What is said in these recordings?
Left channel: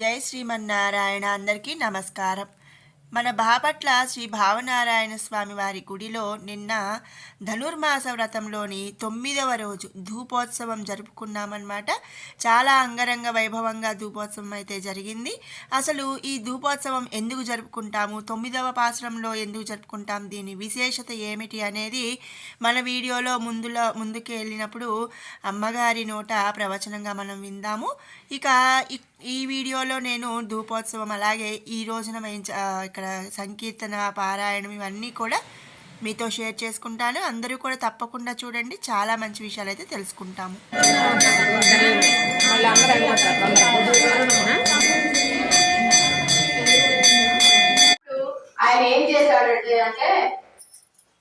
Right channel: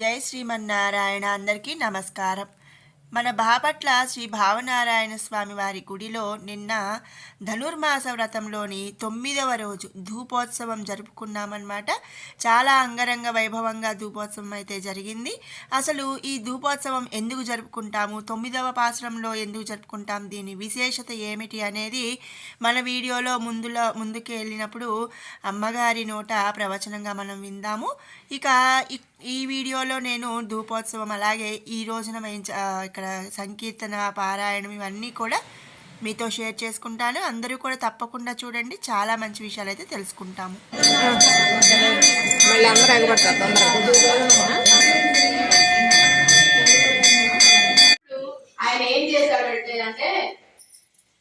జై శ్రీమన్నారాయణ. అందరికీ నమస్కారం. మన బాపట్ల శ్రీ భావనారాయణ స్వామి వారి గుడిలో నిన్న ధనుర్మాస వ్రతంలోని 9వ రోజు ధూపోత్సవం జరుపుకున్నామన్నమాట. చాలా అంగరంగ వైభవంగా ధూపోత్సవం అయితే జరిగింది. అసలు ఈ ధూపోత్సవం ఎందుకు జరుపుకుంటాము, 9వ పాశ్రంలో ఎందుకు జరుపుకుంటాం, దీని విశేషత ఏమిటి అనేది మన వీడియోలో ముందుకు వెళ్ళినప్పుడు అమ్మగారి నోట ప్రవచనంగా మనం విందాము. ఇక ఈ వీడియోలో నేను ధూపోత్సవం అలాగే ఈ రోజున ఇక్కడ సంకీర్తన పారాయణం ఇవన్నీ కూడా మీతో షేర్ చేసుకుంటాను. అందరూ కూడా తప్పకుండా చూడండి, చాలా మంచి విషయాలు అయితే తెలుసుకుంటాము. ఆయన ఏం చేశాడంటే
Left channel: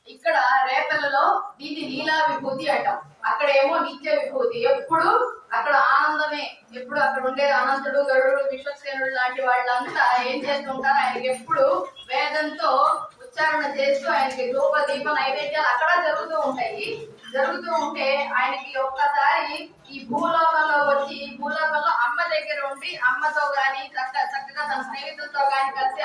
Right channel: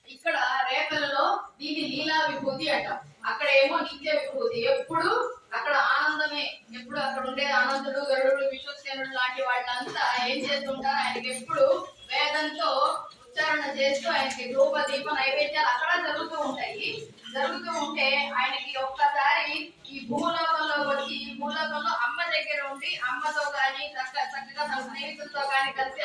ఇక్కడ రేపలలో దీన్ని లీలా విభూతి అంటాం, అక్కడ ఏమో నిత్య విభూతి. ఎప్పుడు అక్కడ ఆనందమే, ఎప్పుడు అక్కడ ఉండే అనంతుడు గరుడు విశ్వసేనుడు లాంటి వాళ్ళంతా ఏం చేస్తుంటారు, ఆయనకి ఎప్పుడు వేదంతో ఉచ్చారణ చేస్తూ ఆయనకి ధూప దీప నైవేద్యాలు అక్కడ జరుగుతూ ఉంటాయి. జరుగుతూ ఉంటే ఆయనకి ఒక్కసారి ఈ భూలోకంలో వచ్చి, భూలోకంలో అమ్మ దగ్గర ఉండి అమ్మతో గాని చక్కగా తన స్నేహితులతో గాని కలిసి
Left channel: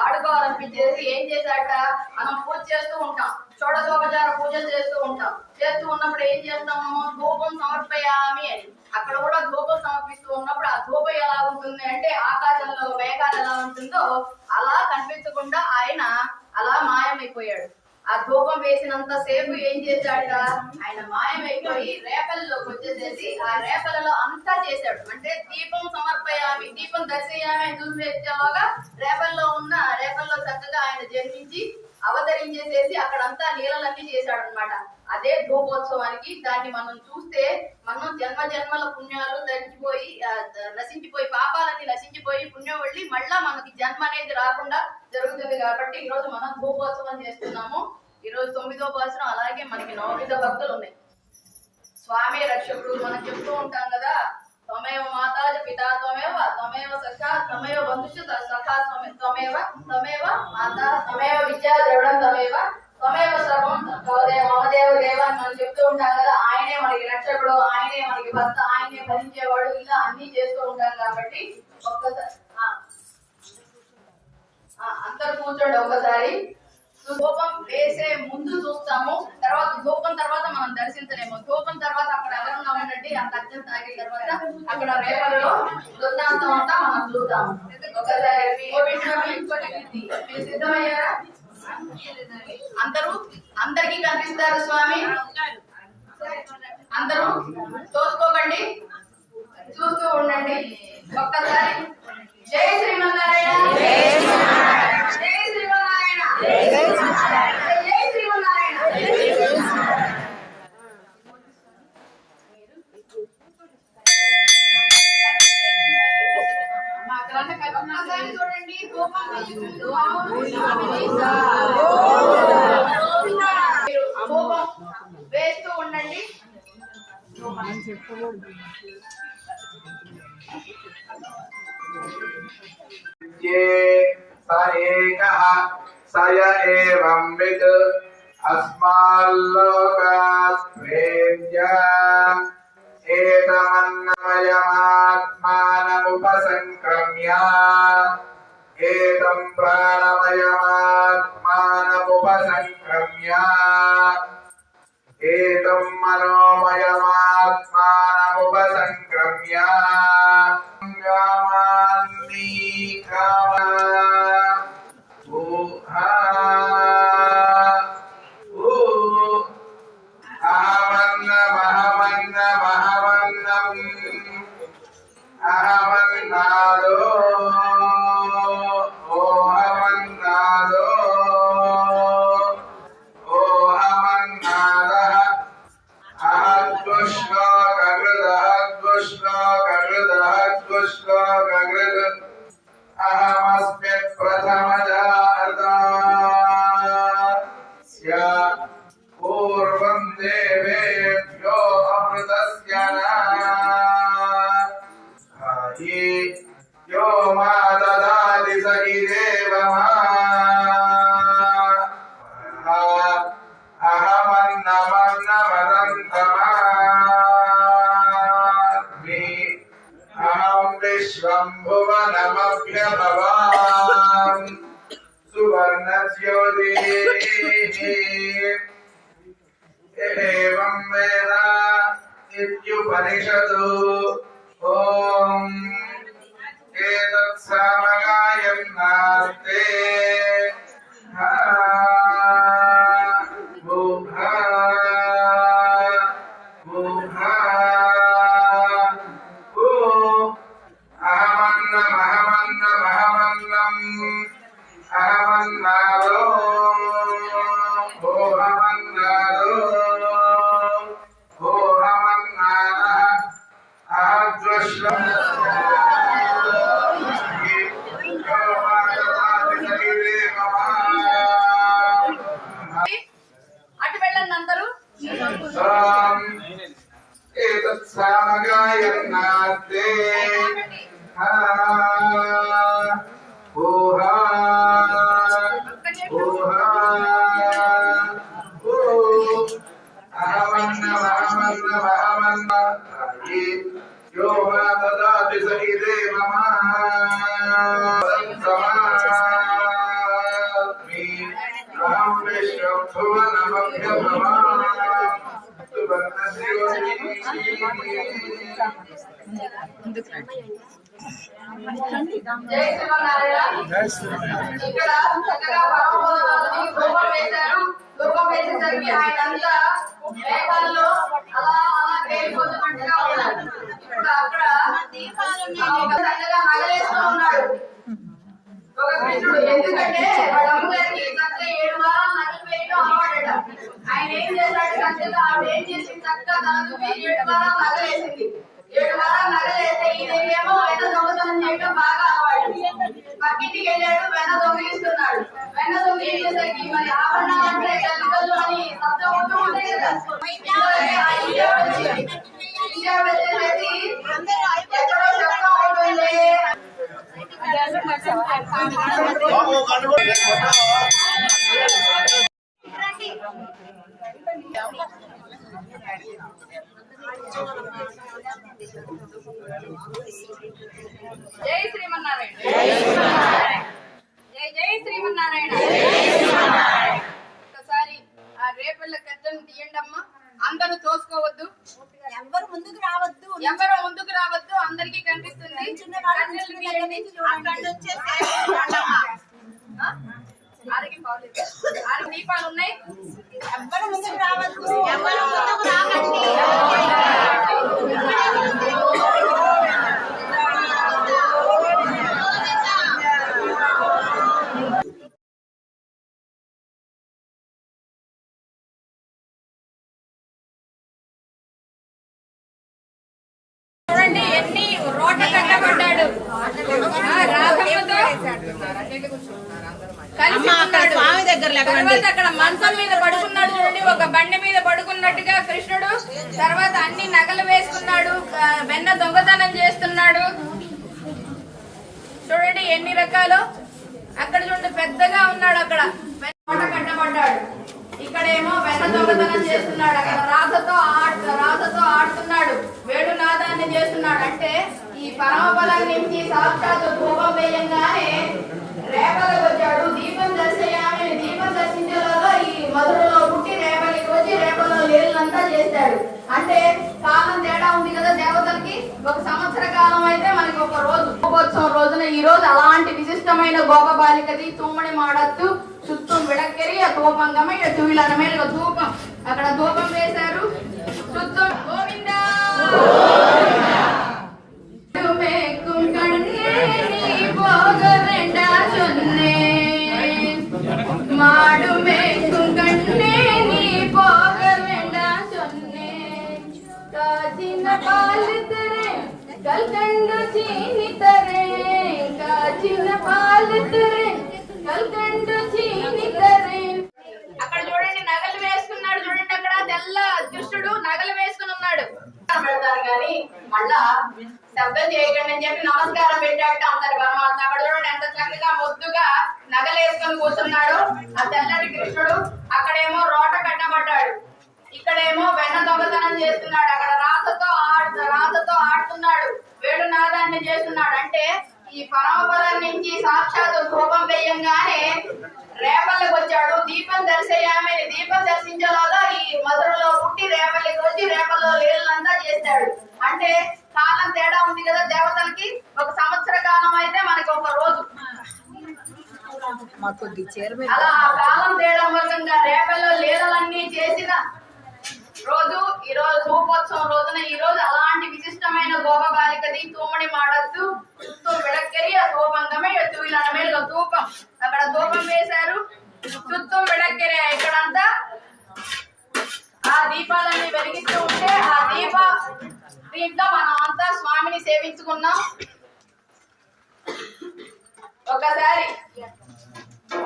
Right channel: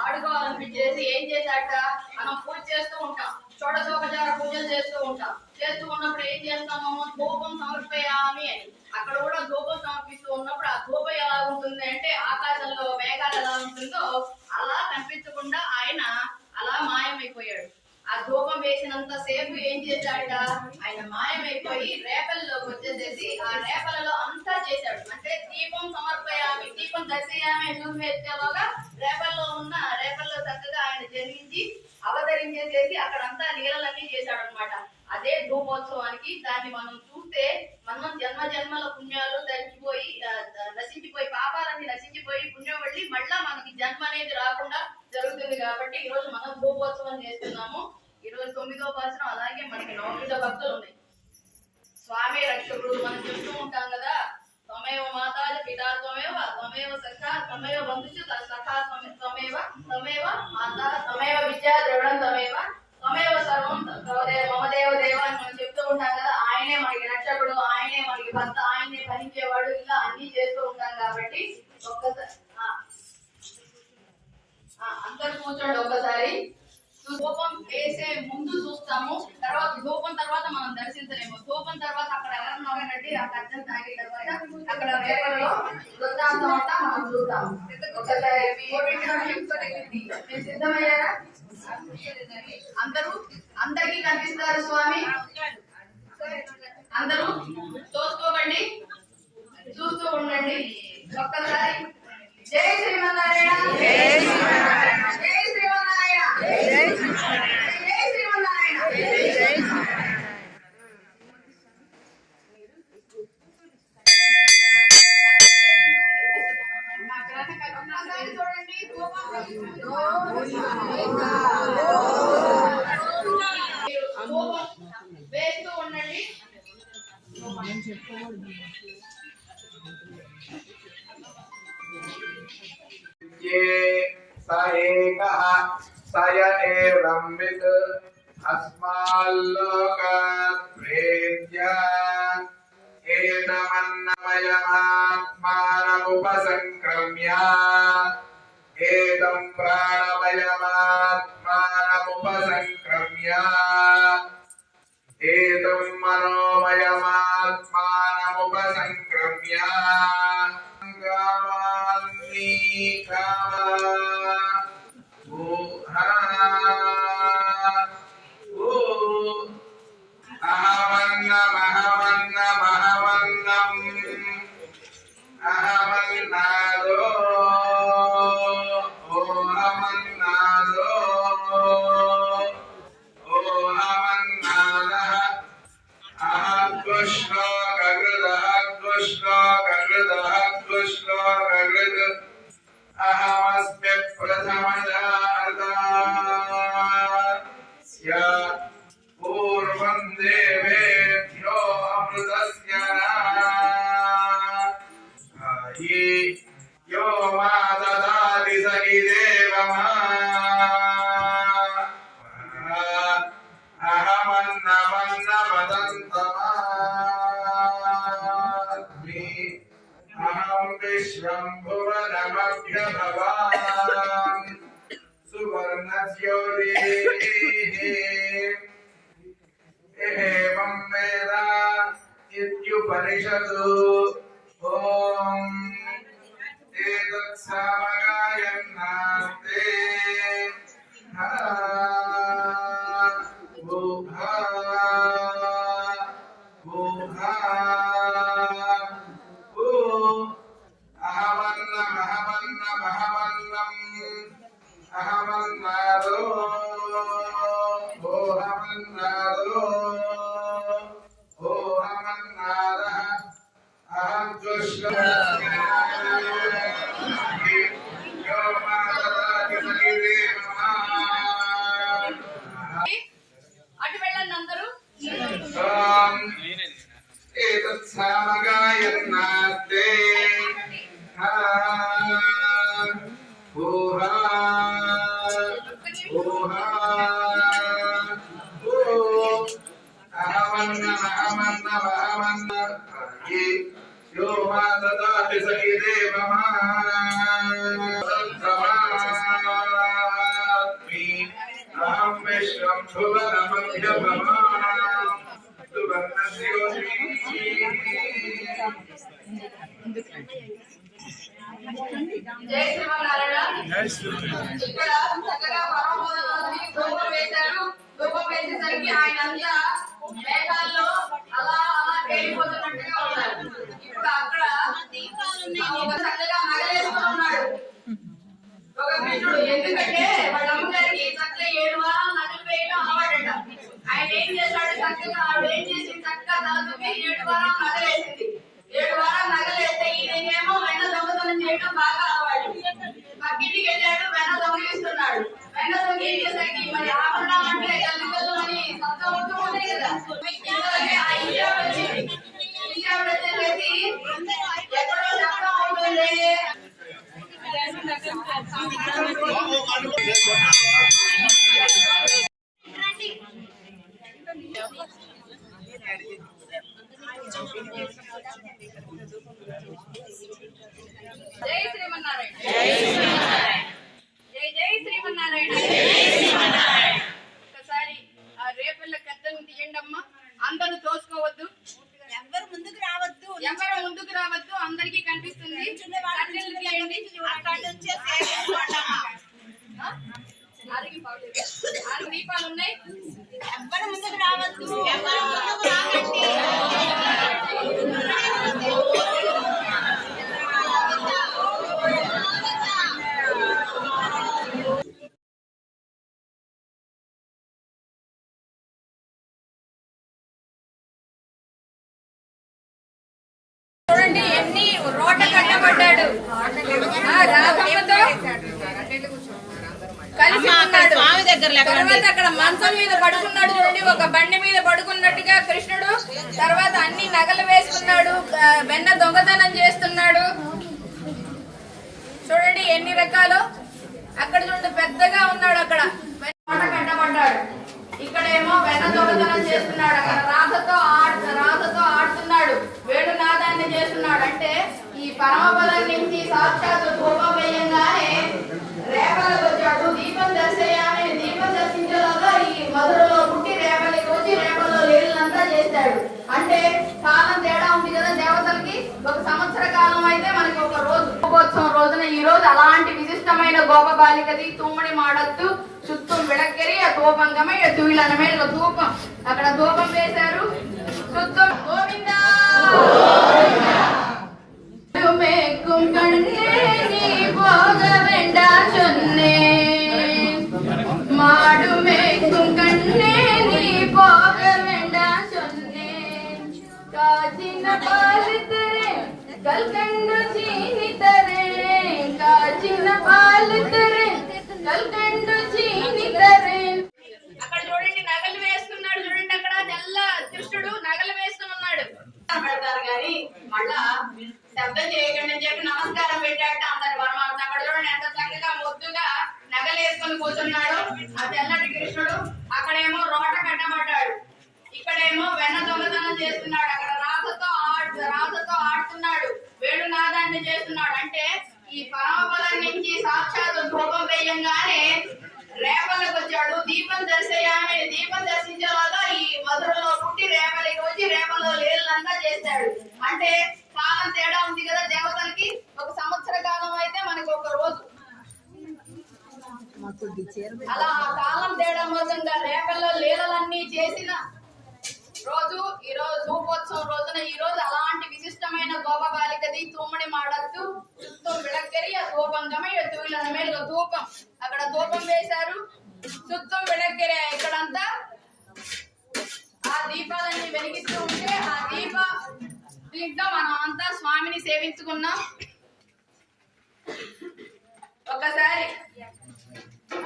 ఆడుకోవాలనిపించేసి ఏం చేశాక, మనం పూజ చేస్తూ ఉంటాం, షోడశోపచార పూజలు చేస్తూ ఉంటాం. చేస్తూ ఉన్నప్పుడు ఏం చేస్తాము, ధూపం సమర్పయామి అని. అక్కడ కూడా ధూపం సమర్పిస్తూ ఉన్నప్పుడు ఆ ధూపం ఎలా ఉంటుంది అంటే ఆకాశంలో మేఘాలు ఎలా ఉంటుందో అలా కనిపించకుండా ఆయన అలా మాయమైపోయాడు. ఆ ధూపం వేసినంత సేపు ఏం చేశాడ, ఆయన మాయమైపోయి రేపల్లోకి వచ్చేసేసి ఆ రేపలలో అంతా చేశాడు. అంటే దీపం సమర్పయామి, దీపం దర్శయామి అని చూసి వచ్చేలాగా రేపల్లో చక్కగా ఆయన జన్మించి అవతరించేసేసి అక్కడంతా లీలలన్నీ చేశాడు అనమాట. అదే ధూపోత్సవానికి. దాన్ని మనం చూస్తే మనం జన్మల పుణ్యాలు నశించిపోయి పాపాలన్నీ నశించిపోయి పుణ్యం వెళ్ళి మళ్ళా మనకి జన్మ అనేది రాకుండా జరుగుతుంది. కాబట్టి ఈ రోజు మనం ధూపోత్సవం చేస్తున్నాము. ఈ రోజు 9వ పాసరం. అలాగే మనకి నవవిధ భక్తులు ఉన్నాయి. స్వామి రక్షకుడు మనం చెప్తూ ఉంటాం కదా, త్వమేవ మాతాజ పితా త్వమేవ సఖా త్వమేవ బంధుషు సఖా త్వమేవ మాతా త్వమేవ విద్యా ద్రవిడం త్వమేవ సర్వం మమదేవ దేవ అని మనం చెప్తూ ఉంటాం కదా. ఆయనే మనకి రక్షకుడు, ఆయనే మనకి భర్త, ఆయనే భరించేవాడు, ఇలా అన్ని చేస్తూ ఉంటాం. కాబట్టి ఒక్కసారి అందరు కూర్చోండి. ఒకసారి ధూపం వేసే ముందు చూస్తాము, ధూపం తర్వాత మనం దర్శించలేము. ధూపం తర్వాత అక్కడ ఎవరున్నామంటే అంత అర్జెంట్ తాగిన తర్వాత అక్కడ రేపల్లో వృత్తాంతం అంతా మనం చూద్దాము. ఒకసారి మీరు సిద్ధమయ్యారా? అందరికీ కనిపిస్తారు స్వామి. అందరూ చూసుకోకండి, చూస్తూ ఉండండి. ఒక్కసారి జై శ్రీమన్నారాయణ, జై శ్రీమన్నారాయణ, జై శ్రీమన్నారాయణ. ఒక్కసారి చూడండి, వేస్తూ ఉండండి. సయ ఏవం విద్ అస్మాల్లోకాత్ ప్రేత్య ఏతమన్నమయమాత్మానముపసంక్రమ్య ఏతం ప్రాణమయమాత్మానముపసంక్రమ్య ఏతం మనోమయమాత్మానముపసంక్రమ్య పూర్వం దేవేభ్యో అమృతస్య यो मा ददाति स इदेवमा अहमन्नमन्नमदन्तमास्मि अहं विश्व विश्वम्भुवनमभ्यभवान् सुवर्णज्योतिः एवं वेद इत्युपनिषदु ॐ एतत्सामगायन्नास्ते అటు వెళ్ళండి అందరూ. एतत्सामगायन्नास्ते यो वा ददाति सखि देवमास्मि अहं विश्वम्भुवनमभ्यभवान् జై శ్రీమన్నారాయణ. ఇక్కడ చక్కగా పరమపదాన్ని ధూపం వేశారు. ధూపం వేసేసరికి ఆయన అంతా మేఘాల్లో అలా అలా తేలిపోతున్నట్టుగా ఉన్నారు. ఇప్పుడు అక్కడ ఒక చక్కగా నగలేస్తూ ఉన్నాడు ఒక కృష్ణుడు. ఎందుకంటే వాళ్ళ అమ్మగారికి చక్కగా 7 వారాలు నగలు వేయడం అలవాడట. ఆయన ఏం చేశాడు, చక్కగా ఆవిడ ఏం చేసింది, చక్కగా తల దువ్వి 7 వారాలు నగలేసింది. 7 వారాలు నగలేస్తే ఈయనేమో వెన్న దొంగతనం చేయడం బాగా అలవాటు. పక్కింటికి వెళ్ళాడు, వెన్న దొంగిలిస్తున్నాడు. వెన్న దొంగిలించేసరికి మరి ఆభరణాలు అంటే తల్లిదండ్రులు అని శబ్దం అవుతూ ఉంటాయి కదా. ఆ ఇంజాబ్ వచ్చింది. ఇంజాబ్ వచ్చేసరికి ఎక్కడో శబ్దం అవుతుంది. జై శ్రీమన్నారాయణ. జై జై శ్రీమన్నారాయణ. ఒకసారి ఆ రేపల్ల కట్టను తీయండి అమ్మా. అందరూ తోసుకోవద్దు, ఎవరు ముందుకు రావద్దు, ఎవరు ముందుకు రావద్దు, అందరికీ కనిపిస్తుంది. కట్టెలు తీయండి. 6 దీపాలు ఉన్నాయి. ఎవరు ముందుకు రావద్దు, ఎవరు ముందుకు రాకండి. చూడండి ఎన్ని రోడ్ల కట్టబడ్డాడు. రాధమ్మతో కలిసి ఉన్నాడు. తర్వాత అక్కడ మంచం మీద పడుకున్నాడు. చూడండి ఒక బండి మీద పడుకున్నట్టుగా కృష్ణుడు. తర్వాత అన్ని నగలు వేసుకున్నాడు. వెన్న దొంగతనం చేస్తున్నాడు. చూడండి ఎన్ని రకాలు. అక్కడ చూడండి పెద్దగా ఉన్నాడు. అక్కడ వెన్న కట్టబడ్డాడు. ఇక్కడేమో వెన్న దొంగతనం చేస్తున్నాడు. అక్కడ రాధతో ఆడుతున్నాడు. వేణునాదాన్ని చేస్తున్నాడు. అంటే ఈ పరమపదం నుంచి సాక్షాత్ ధూపం వేయంగానే రేపలకు వచ్చాడు. దీపం దర్శయామి, దీపం దర్శించేలాగా ఈ మధురలో పుట్టి రేపలికి వచ్చి రేపలో లీలంతా చేశాడు. అంటే కాలం తేడా ఉంది కదా దేవతలకి. ఒక సంవత్సర కాలం అయితే మనకి ఒక రోజు. గోపోత్సవం రోజున ఈ రోజు అలాంటి విశిష్టమైన గోప బాలికది తుమ్మడి మాడద్దు சுத்தம் விளக்கெரிய தூபங்கமே தூயிலன மேல தூபம் అక్కడ ధూపం వేశారు. சுத்தம் గోవిందా మేకుం కన్నే నీ భోగ వెండా చున్నే మాడు మేకుం కన్నే నీ భోగ వెండా చున్నే కాచిన పాలు తెరే కల్కండు చీని తరే కాచిన పాలు తెరే కల్కండు చీని తరే. అక్కడ చూడండి నగలు వేసుకున్నాడు. చూడండి అక్కడ తెల్ల దుష్టుడు నగలు వేసుకుని ఉన్నాడు. పెడతారు కానీ మళ్ళా శబ్దం చేయకండి అని చెప్పి నమస్కారం పెట్టాట అందరి పరమాత్మ. అక్కడ చూడండి ఎంత చక్కగా ముద్దుగా నగలు వేసుకొని కూర్చున్నాడు ఆ తెల్లటి కృష్ణుడు. అక్కడేమో రోట కట్టబడ్డాడు. ఇక్కడేమో వెన్న దొంగతనం చేస్తున్నాడు. అక్కడ రాతతో ఆడుతున్నాడు. వేణునాదాన్ని చేస్తున్నాడు. అంటే ఈ పరమపదం నుంచి సాక్షాత్ ధూపం వేయంగానే రేపల్లికి వచ్చాడు. దీపం దర్శయామి, దీపం దర్శించేలాగా ఈ మధురలో పుట్టి రేపల్లికి వచ్చి రేపల్లో లీలనంతా చేశాడు. అంటే కాలం తేడా ఉంది కదా దేవతలకి. ఒక సంవత్సర కాలం అయితే మనకి ఒక రోజు. అలా ఆ కాలం తేడా మూలంగా రేపల్లో లీలలన్నీ చేసిన రోజు ఈ రోజు ధూపోత్సవం రోజున ఈ రోజు అలాంటి విశిష్టమైన గోప బాలికది తూమడి మాడద్దు చుట్టూ విడక్కరి ఆ ధూపంగమే ఎత్తువిలనమేలుగా ధూపం అక్కడ ధూపం వేశారు. చుట్టూ విడక్కరి ఇక్కడంతా ఆ దీపాలన్నీ వెలిగిస్తూ ఉంటే ఆ దీంట్లో మనం అంతా స్వామిని సేవించుకున్నాం. ఒకసారి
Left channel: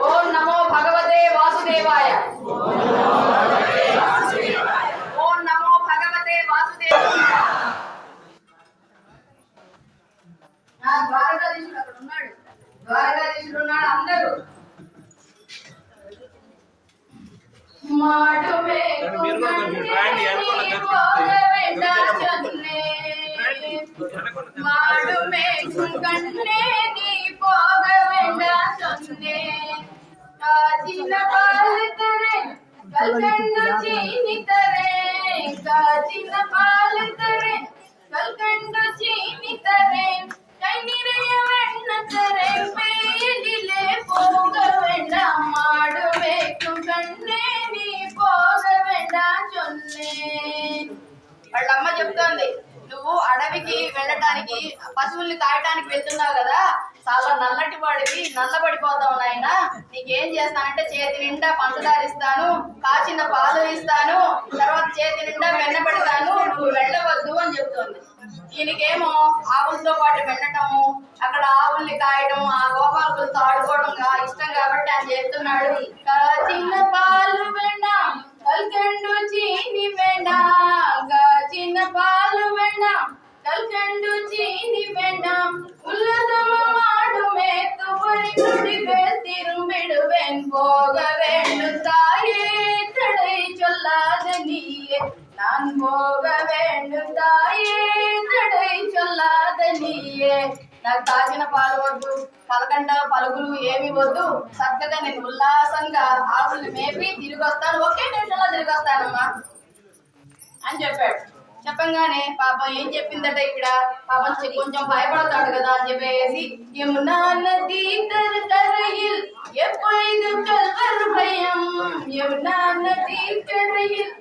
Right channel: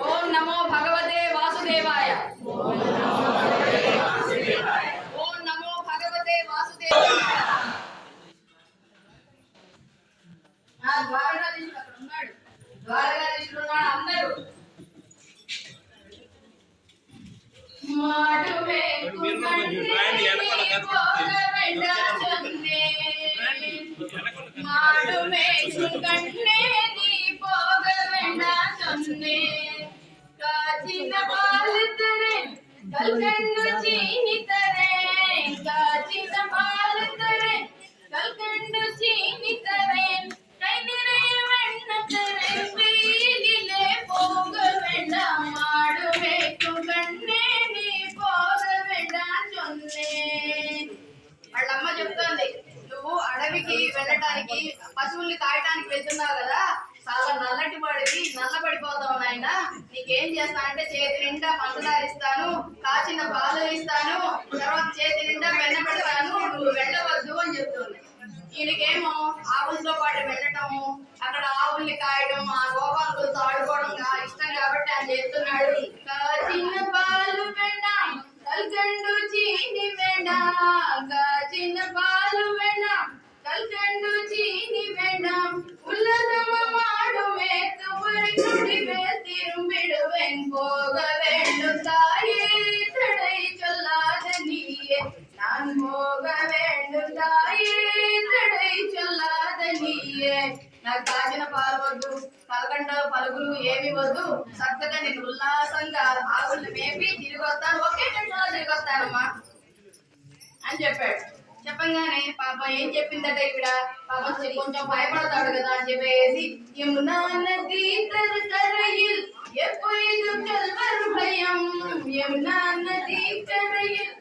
ఓం నమో భగవతే వాసుదేవాయ, ఓం నమో భగవతే వాసుదేవాయ. ద్వారకాధీశుడు అక్కడ ఉన్నాడు, ద్వారకాధీశుడు ఉన్నాడు. అందరూ మాడువే மாடுமே கண்ணே நீ போக வேண்டாம் சொன்னேன். காச்சின பால் தரேன் கல்கண்டு சீனி தரேன், காச்சின பால் தரேன் கல்கண்டு சீனி தரேன், கை நிறைய வெண்ண தரேன், வெயிலிலே போக வேண்டாம். மாடுமே கண்ணே நீ போக வேண்டாம் சொன்னேன். వాళ్ళమ్మ చెప్తోంది, నువ్వు అడవికి వెళ్ళటానికి పశువుల్ని కాయటానికి వెళ్తున్నావు కదా, చాలా నల్లటి వాడివి, నల్లబడిపోతావు నాయన. నీకేం చేస్తానంటే చేతి నిండా పంచదార ఇస్తాను, కాచిన పాలు ఇస్తాను, తర్వాత చేతి నిండా వెన్న పెడతాను, నువ్వు వెళ్ళవద్దు అని చెప్తోంది. ఈయనకేమో ఆవులతో పాటు వెళ్ళటము, అక్కడ ఆవుల్ని కాయడం, ఆ గోపాలకులతో ఆడుకోవడం ఇష్టం కాబట్టి ఆయన చేస్తున్నాడు. కాచిన పాలు వెన్న కల్కండు చీని వెన్న, కాచిన పాలు వెన్న கல்கண்டு சீனி வேண்டாம், உல்லதமோ மாடுமே துவரி குடிவே திரும்பிடுவேன். போக வேண்டும் தாயே தடை சொல்லாத நீயே, நான் போக வேண்டும் தாயே తడై చొల్లాద నీయే. నాకు తాగిన పాలు వద్దు, కలకండ పలుగులు ఏమి వద్దు, చక్కగా నేను ఉల్లాసంగా ఆవుల్ని మేపి తిరిగి వస్తాను, ఒకే నిమిషంలో తిరిగి వస్తానమ్మా అని చెప్పాడు. చెప్పంగానే పాప ఏం చెప్పిందట ఇక్కడ, పాపం కొంచెం భయపడతాడు కదా అని చెప్పేసి యమునా నది కరயில் எப்பொழுதும் கல்வர் பயம், యమునా నది கரையில்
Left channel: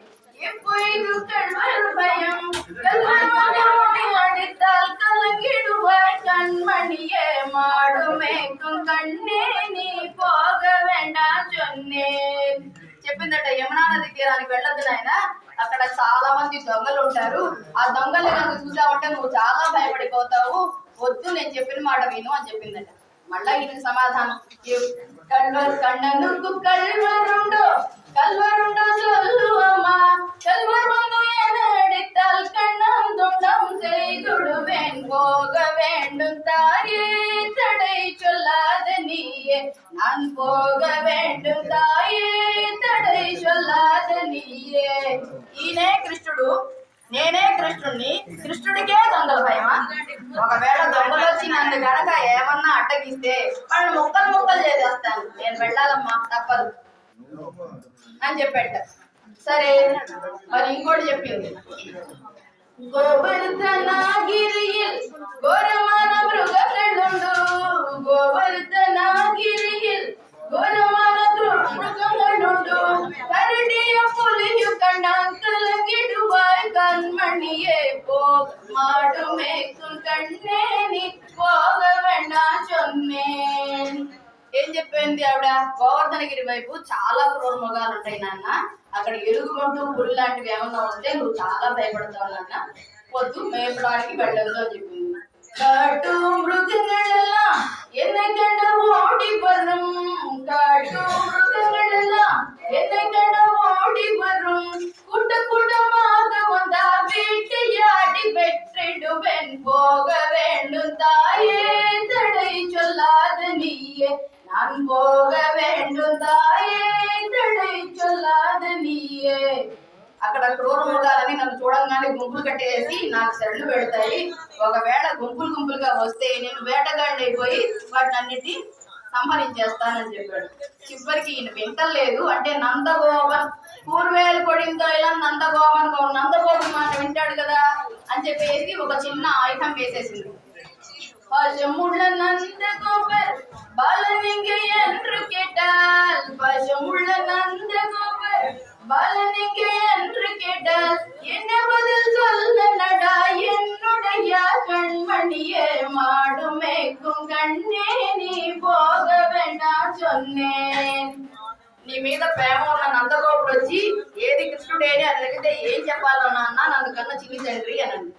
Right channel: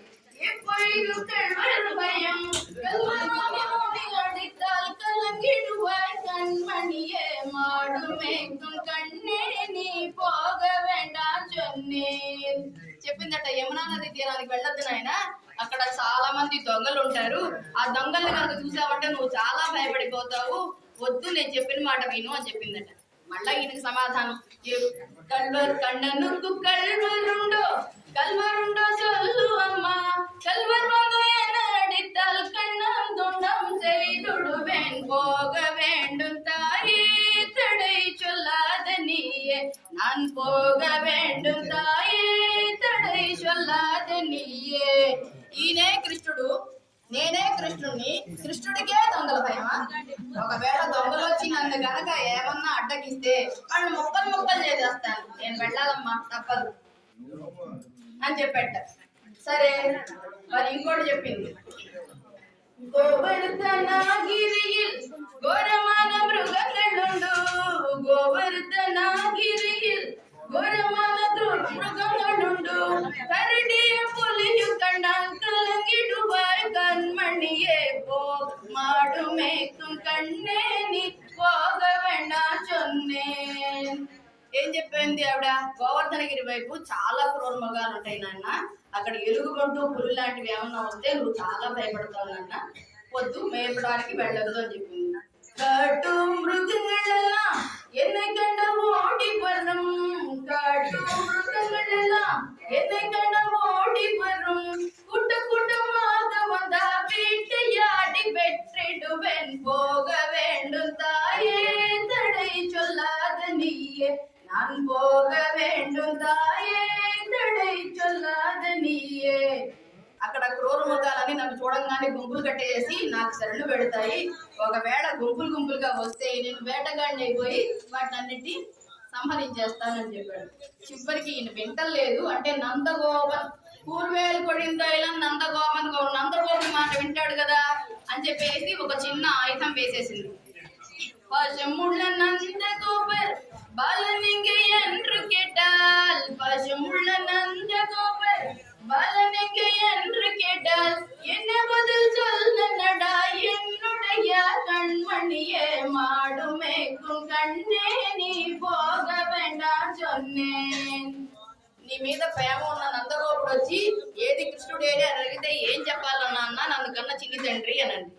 எப்பொழுதும் கல்வர் பயம், கல்வர் மகனை அடித்தால் கலங்கிடுவாய் கண்மணியே. மாடுமேக்கும் కన్నే నీ పోగ వేண்டாం சொன்னேன். చెప్పిందట యమునా నది తీరానికి వెళ్ళొద్దు నాయన, అక్కడ చాలా మంది దొంగలు ఉంటారు, ఆ దొంగలు కనుక చూసావంటే నువ్వు చాలా భయపడిపోతావు, వద్దు నేను చెప్పిన మాట విను అని చెప్పిందట. మళ్ళా ఈయనకి సమాధానం, కళ్ళను కల్వరుండో కల్వరుండో சொல்லுவம்மா, கல்வர் வந்து என்னடித்தால் கண்ணம் துண்டம் செய்துடுவேன். போக வேண்டும் தாயே தடை சொல்லாத நீயே, நான் போக வேண்டும் தாயே తడై చొల్లాద నీయే. ఈయనే కృష్ణుడు, నేనే కృష్ణుడిని, కృష్ణుడికే దొంగల భయమా? ఒకవేళ దొంగలు వచ్చి నన్ను గనక ఏమన్నా అడ్డగిస్తే వాళ్ళని ముక్కలు ముక్కలు చేసేస్తాను, నేను వెళ్ళాలమ్మా తప్పదు అని చెప్పాట. సరే మరి ఇంకోటి చెప్పింది, గోవర్ధనగిరిயில் ఘోరమైన మృగങ്ങളുండు, గోవర్ధనగిరిயில் ఘోరమైన మృగങ്ങളുండు, కరడియ పులియు కన్నాం కలగిడువాయ్ కన్మణియే. పో మాడు మేக்கும் కన్నే నీ పోగ వేண்டாం சொன்னேன். ఏం చెప్పింది ఆవిడ, గోవర్ధనగిరి వైపు చాలా క్రూర మృగాలు ఉంటాయి నాన్న, అక్కడ ఎలుగుబంటు పులి లాంటివి ఏమన్నా ఉంటే నువ్వు చాలా భయపడతావు నాన్న, వద్దు మేపడానికి వెళ్ళొద్దు అని చెప్పింది. కాటు మృగங்களெல்லாம் என்னை கண்ட ஓடி வரும், காட்டு மృగங்களெல்லாம் என்னை கண்ட ஓடி வரும், கூட்ட கூட்டமாக வந்தா வேட்டையாடி வெற்றிடுவேன். போக வேண்டும் தாயே தடை சொல்லாத நீயே, நான் போக வேண்டும் தாயே తడై చొల్లాద నీయే. అక్కడ క్రూర మృగాలని నన్ను చూడంగానే మళ్ళీ గుంపులు కట్టేసి నాకు శరణు పెడతాయి. ఒకవేళ గుంపులుగా వస్తే నేను వేటగాడిని అయిపోయి వాటిని అన్నిటినీ సంహరించేస్తానని చెప్పాడు. చివరికి ఈయన వింటలేదు. అంటే నందగోపన్ పూర్వేలు కొడిందో ఇలా నందగోపన్ మాట వింటాడు కదా అని చెప్పేసి ఒక చిన్న ఆయుధం వేసేసింది. பசுமுள்ள நந்தகோபர் பாலனிங்க என்று கேட்டால், பசுமுள்ள நந்தகோபர் பாலனிங்க என்று கேட்டால், என்ன பதில் சொல்ல நடா என்னுடைய கண்மணியே, மாடு மேய்க்கும் கண்ணே நீ போக வேண்டாம் சொன்னேன். నీ మీద ప్రేమ ఉన్న నందగోపుడు వచ్చి ఏది కృష్ణుడేని అని అడిగితే ఏం చెప్పాలన్నా అన్న నన్నుకన్నా చిన్ని తండ్రి అనండి.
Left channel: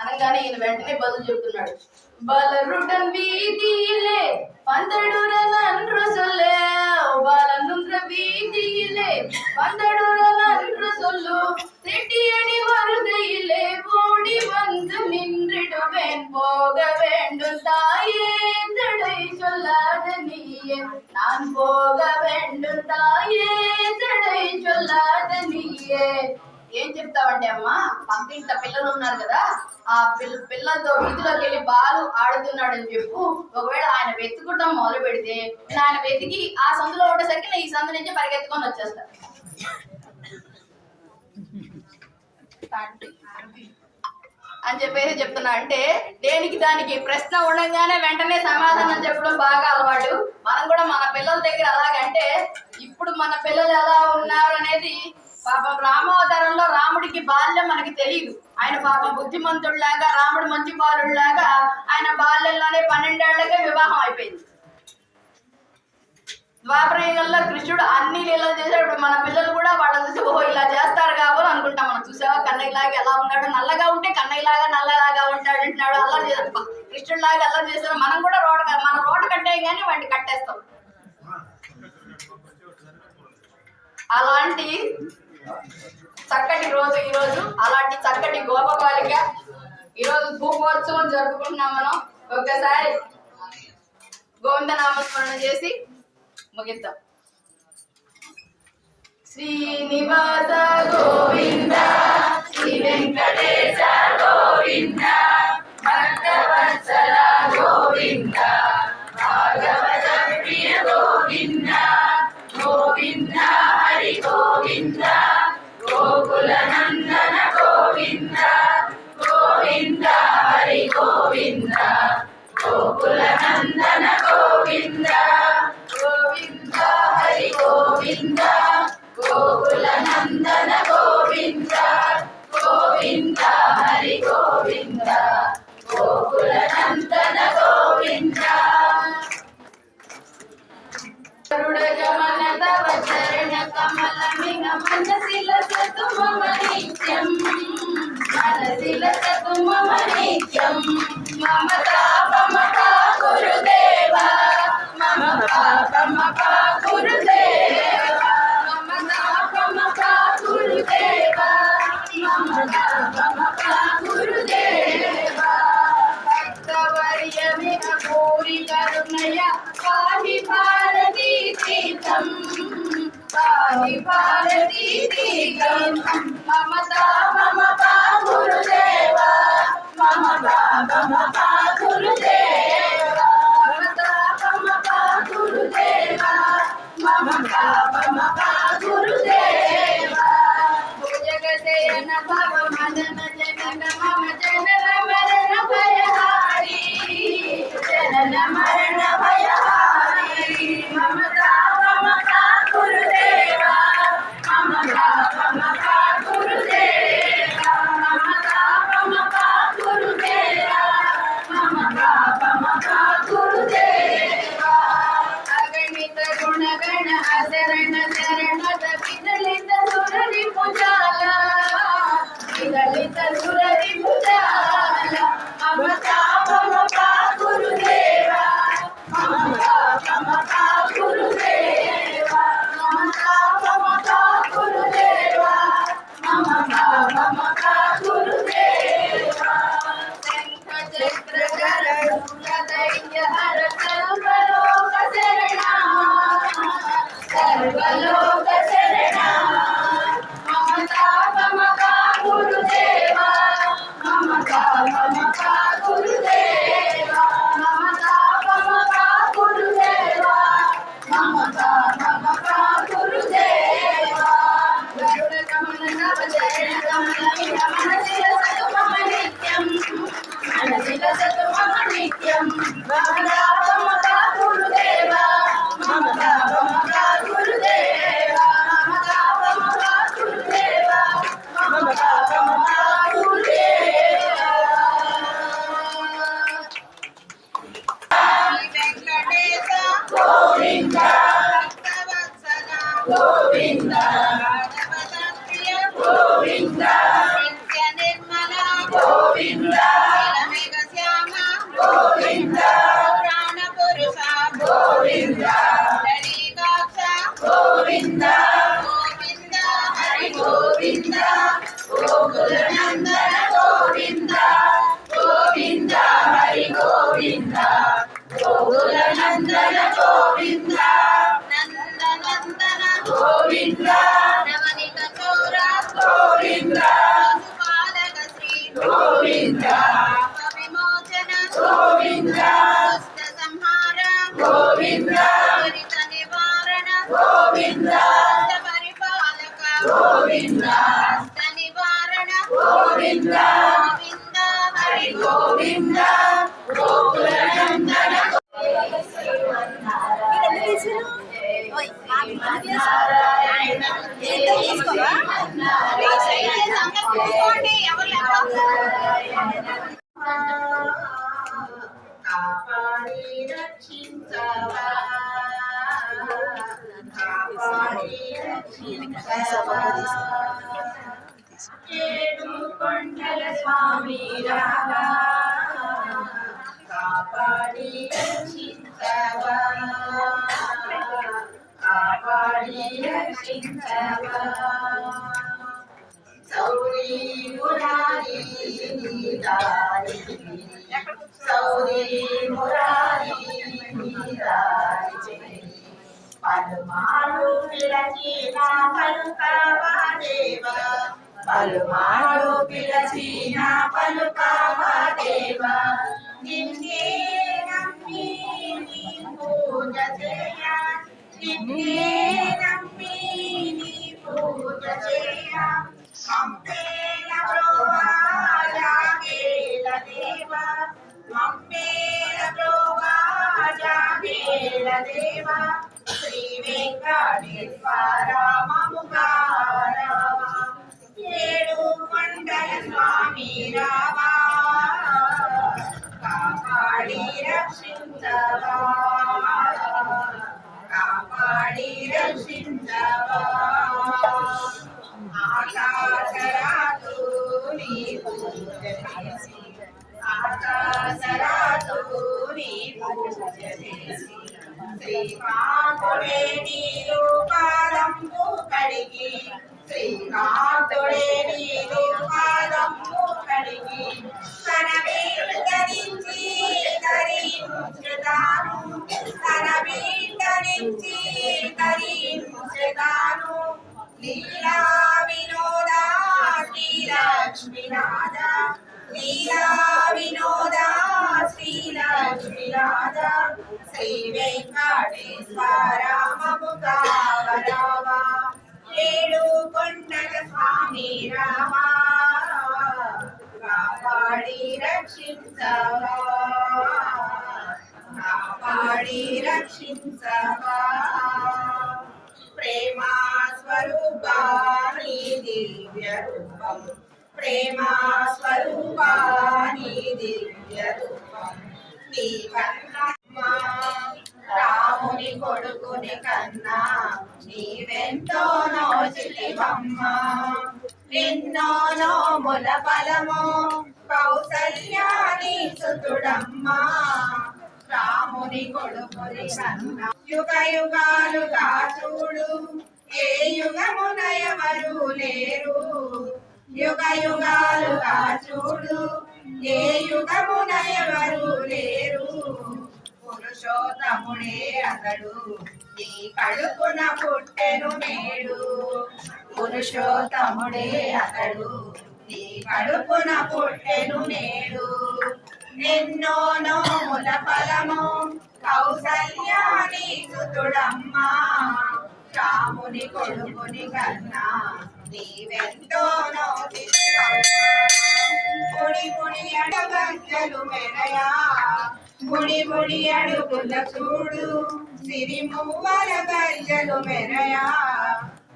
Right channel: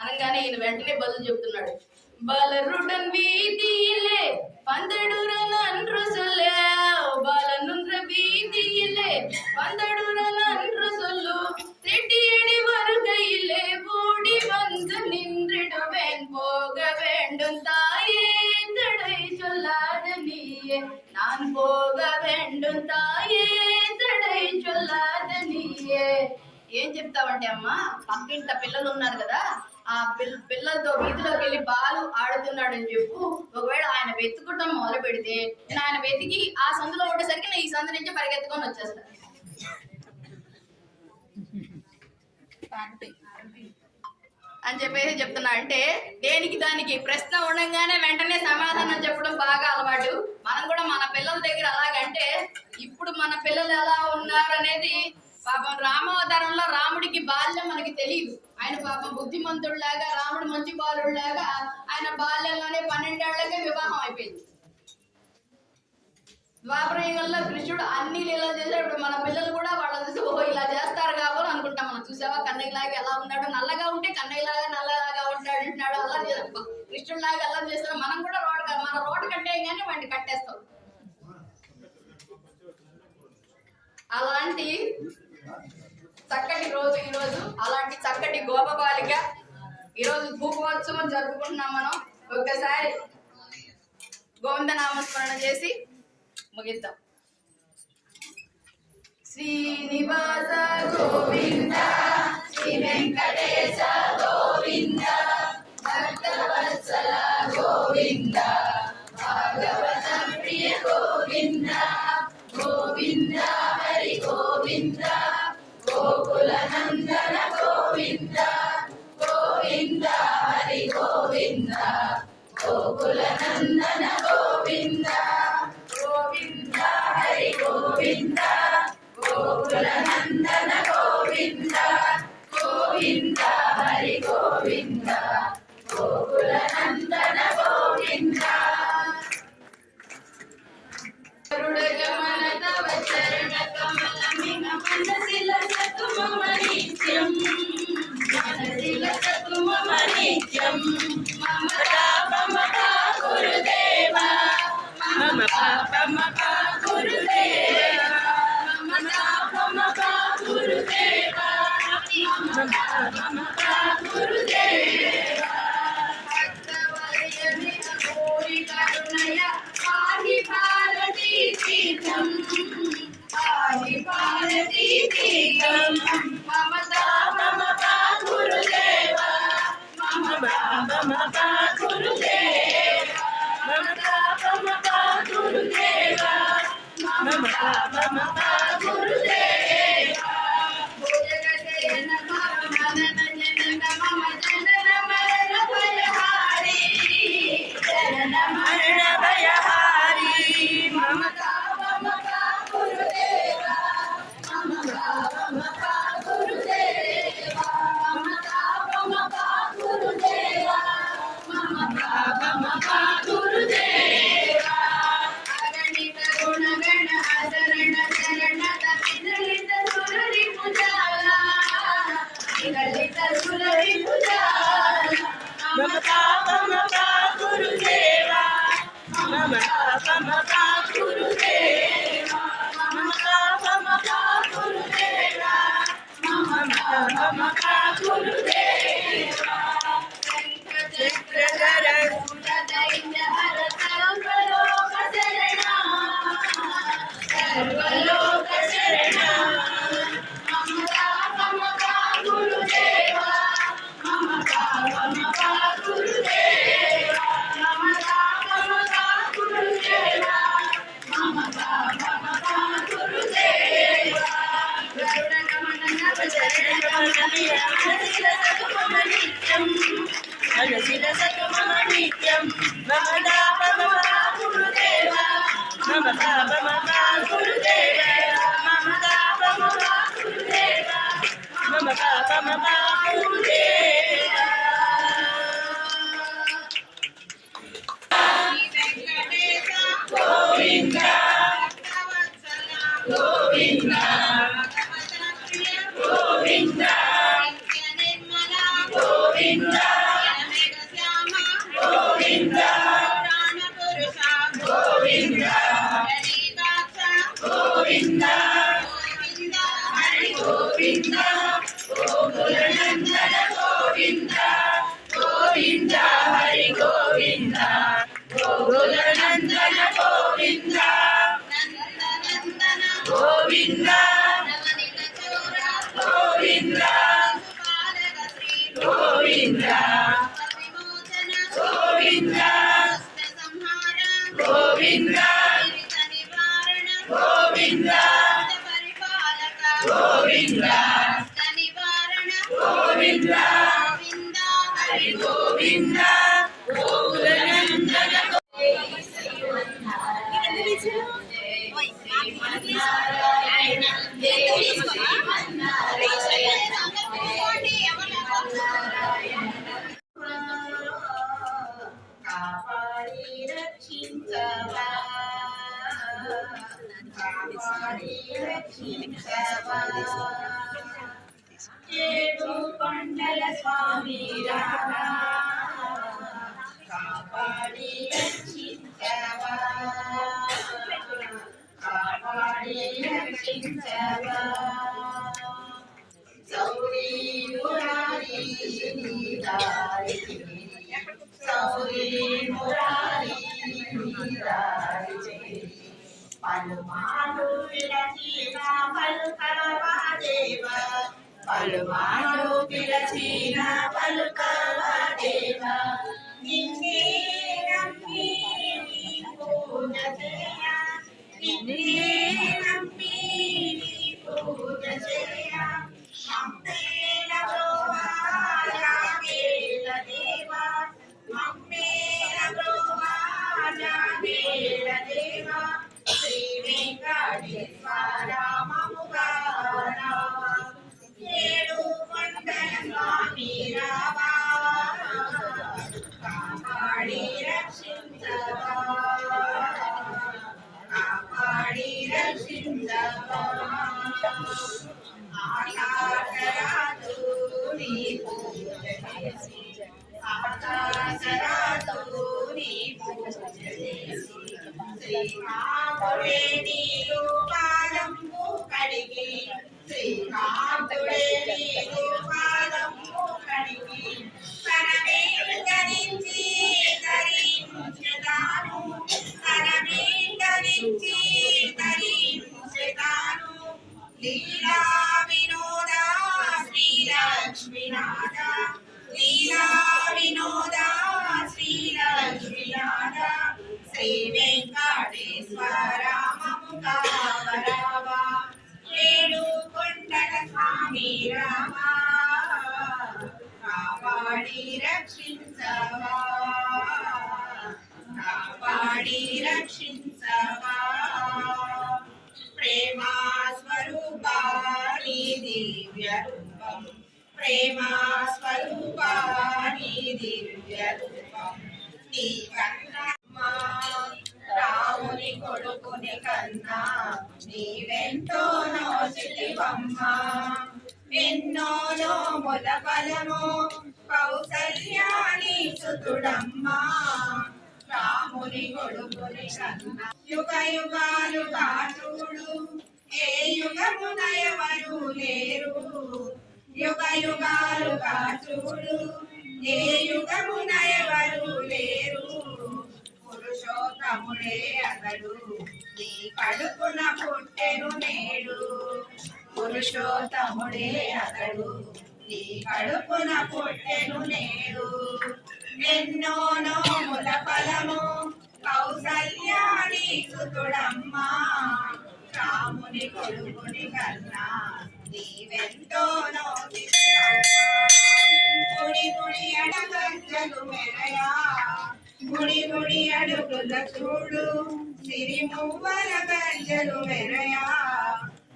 అనగానే ఈయన వెంటనే బదులు చెప్తున్నాడు. பலருடன் வீதியிலே பந்தடுரல் அன்று சொல்ல, பாலனுன்ற வீதியிலே பந்தடுரல் அன்று சொல்லு, திட்டியடி வருகையிலே ஓடி வந்து நின்றிடுவேன், போக வேண்டும் தாயே தடை சொல்லாத நீயே, நான் போக வேண்டும் தாயே தடை சொல்லாத నీయే. ఏం చెప్తావంటే అమ్మా, పక్కింట పిల్లలు ఉన్నారు కదా, ఆ పిల్లలతో వీధిలోకి వెళ్ళి బాలు ఆడుతున్నాడు అని చెప్పు. ఒకవేళ ఆయన వెతుకుటం మొదలు పెడితే ఆయన వెతికి ఆ సందులో ఉండేసరికి నేను ఈ సందు నుంచి పరిగెత్తుకొని వచ్చేస్తాను అని చెప్పేసి చెప్తున్నా. అంటే దేనికి దానికి ప్రశ్న ఉండగానే వెంటనే సమాధానం చెప్పడం బాగా అలవాటు. మనం కూడా మన పిల్లల దగ్గర అలాగంటే ఇప్పుడు మన పిల్లలు ఎలా ఉన్నారు అనేది పాపం రామావతారంలో రాముడికి బాల్యం మనకి తెలియదు. ఆయన పాపం బుద్ధిమంతుడిలాగా, రాముడు మంచి బాలుడిలాగా ఆయన బాల్యంలోనే 12 ఏళ్లకే వివాహం అయిపోయింది. ద్వాపరయుగంలో కృష్ణుడు అన్ని లీలలు చేశాడు. మన పిల్లలు కూడా వాళ్ళని చూసి ఓహో ఇలా చేస్తారు కాబట్టి అనుకుంటాం. మనం చూసావా కన్నయ్యలాగా ఎలా ఉన్నాడు, నల్లగా ఉంటే కన్నయ్యలాగా నల్లలాగా ఉంటాడు అంటున్నాడు. అల్లరి చేస్తాం, కృష్ణుడిలాగా అల్లరి చేస్తాం. మనం కూడా మన రోడ్డు కట్టే కానీ వాటిని కట్టేస్తాం. అలాంటి చక్కటి రోజు ఈరోజు, అలాంటి చక్కటి గోపబాలిక ఈరోజు ధూపోత్సవం జరుపుకుంటున్నాం మనం. ఒక్కసారి గోవిందనామస్మరణ చేసి ముగిద్దాం. శ్రీనివాస గోవింద, శ్రీ వెంకటేశ గోవింద, భక్తవత్సల గోవింద, భాగవత ప్రియ గోవింద, గోవింద హరి గోవింద, గోకుల నందన గోవింద, గోవింద హరి గోవింద, గోకుల నందన గోవింద, గోవింద హరి గోవింద, గోకుల నందన గోవింద, గోవింద హరి గోవింద, గోకుల నందన గోవింద. గరుడగమన తవ చరణ కమలమిహ మనసిల సతు మమ నిత్యం, మనసిల సతు మమ నిత్యం. మమ పాపమప గురుదేవ, మమ పాపమప గురుదేవ, మమ పాపమప గురుదేవ, మమ పాపమప గురుదేవ. భక్తవర్యమిహ భూరి కరుణయ పాహి భారతీ తీర్థం, పాహి భారతీ తీర్థం. మమ పాపమప గురుదేవ, మమ పాపమప గురుదేవ, మమ పాపమప గురుదేవ, మమ పాపమప గురుదేవ. భుజగశయన భవ మదన జనక మమ జనన మరణ భయహారి, జనన మరణ భయహారి. మమ పాపమప గురుదేవ, మమ పాపమప గురుదేవ, మమ పాపమప గురుదేవ, మమ పాపమప గురుదేవ. అగణిత గుణగణ అశరణ శరణద విదలిత సురరి భుజాల, విదలిత సురరి భుజాల. మమ పాపమప గురుదేవ, మమ పాపమప గురుదేవ, మమ పాపమప గురుదేవ, మమ పాపమప గురుదేవ. శంఖ చక్రధర శూలధైర్య గోకుల నందన గోవింద నందనందన గోవింద నవనిత చోర గోవింద శిశుపాలక శ్రీ గోవింద విమోచన గోవింద దుష్ట సంహార గోవింద దురిత నివారణ గోవింద పరిపాలక గోవింద నివారణ గోవింద గోవింద హరి గోవింద గోకుల నందన కాపాడి రక్షించవా కాపాడి రక్షించవా ఏడు కొండల స్వామి రావా కాపాడి రక్షించవా కాపాడి రక్షించవా సౌరీ మురారి దారి సౌరీ మురారి దారి పలుమారు పిలచిన పలుకవా దేవా పలుమారు పిలచిన పలుకవా దేవా నిన్నే నమ్మి నీ పూజ చేయ నిన్నే నమ్మి నీ పూజ చేయ మమ్మేల బ్రోవా జాగేల దేవా మమ్మేల బ్రోవా జాగేల దేవా శ్రీ వెంకటేశ్వర మముగా రావా ఏడు కొండల స్వామి రావా కాపాడి రక్షించవా కాపాడి రక్షించవా ఆకాశరాజు నీ పూజ చేసి ఆకాశరాజు నీ పూజ చేసి శ్రీకాంతుడే నీరు పాదంబు కడిగి శ్రీకాంతుడే నీరు పాదంబు కడిగి తన వీటరించి ధరించుదాను తన వీటరించి ధరించుదాను లీలా వినోద శ్రీలక్ష్మీనాథ లీలా వినోద శ్రీలక్ష్మీనాథ శ్రీ వెంకటేశ్వర మముగా రావా ఏడు కొండల స్వామి రావా కాపాడి రక్షించవా కాపాడి రక్షించవా ప్రేమా స్వరూపా నీ దివ్య రూపం ప్రేమా స్వరూపా నీ దివ్య రూపం నీ కన్నా రాముని కొడుకుని కన్నా నీవెంతో నోచితివమ్మ ఎన్నో నోముల ఫలమో కౌసల్యాని సుతుడమ్మా రాముని కొడుకుని కన్నా యుగ యుగాలుగా చూడు ఏ యుగమున ఎవరు లేరు యుగ యుగాలుగా చూడు ఏ యుగమున ఎవరు లేరు పురుషోత్తముడే అతడు నీ కడుపున పుట్టెను నేడు పురుషోత్తముడే అతడు నీ కడుపున పుట్టెను నేడు ఎన్నో నోముల ఫలము కౌసల్యాని సుతుడమ్మా రాముని కొడుకుని కన్నా నీవెంతో ముడి ముడి అడగంజలు మెరయా ముడి ముడి అడుగుల చూడు సిరి మువ్వల గంజలు మెరయా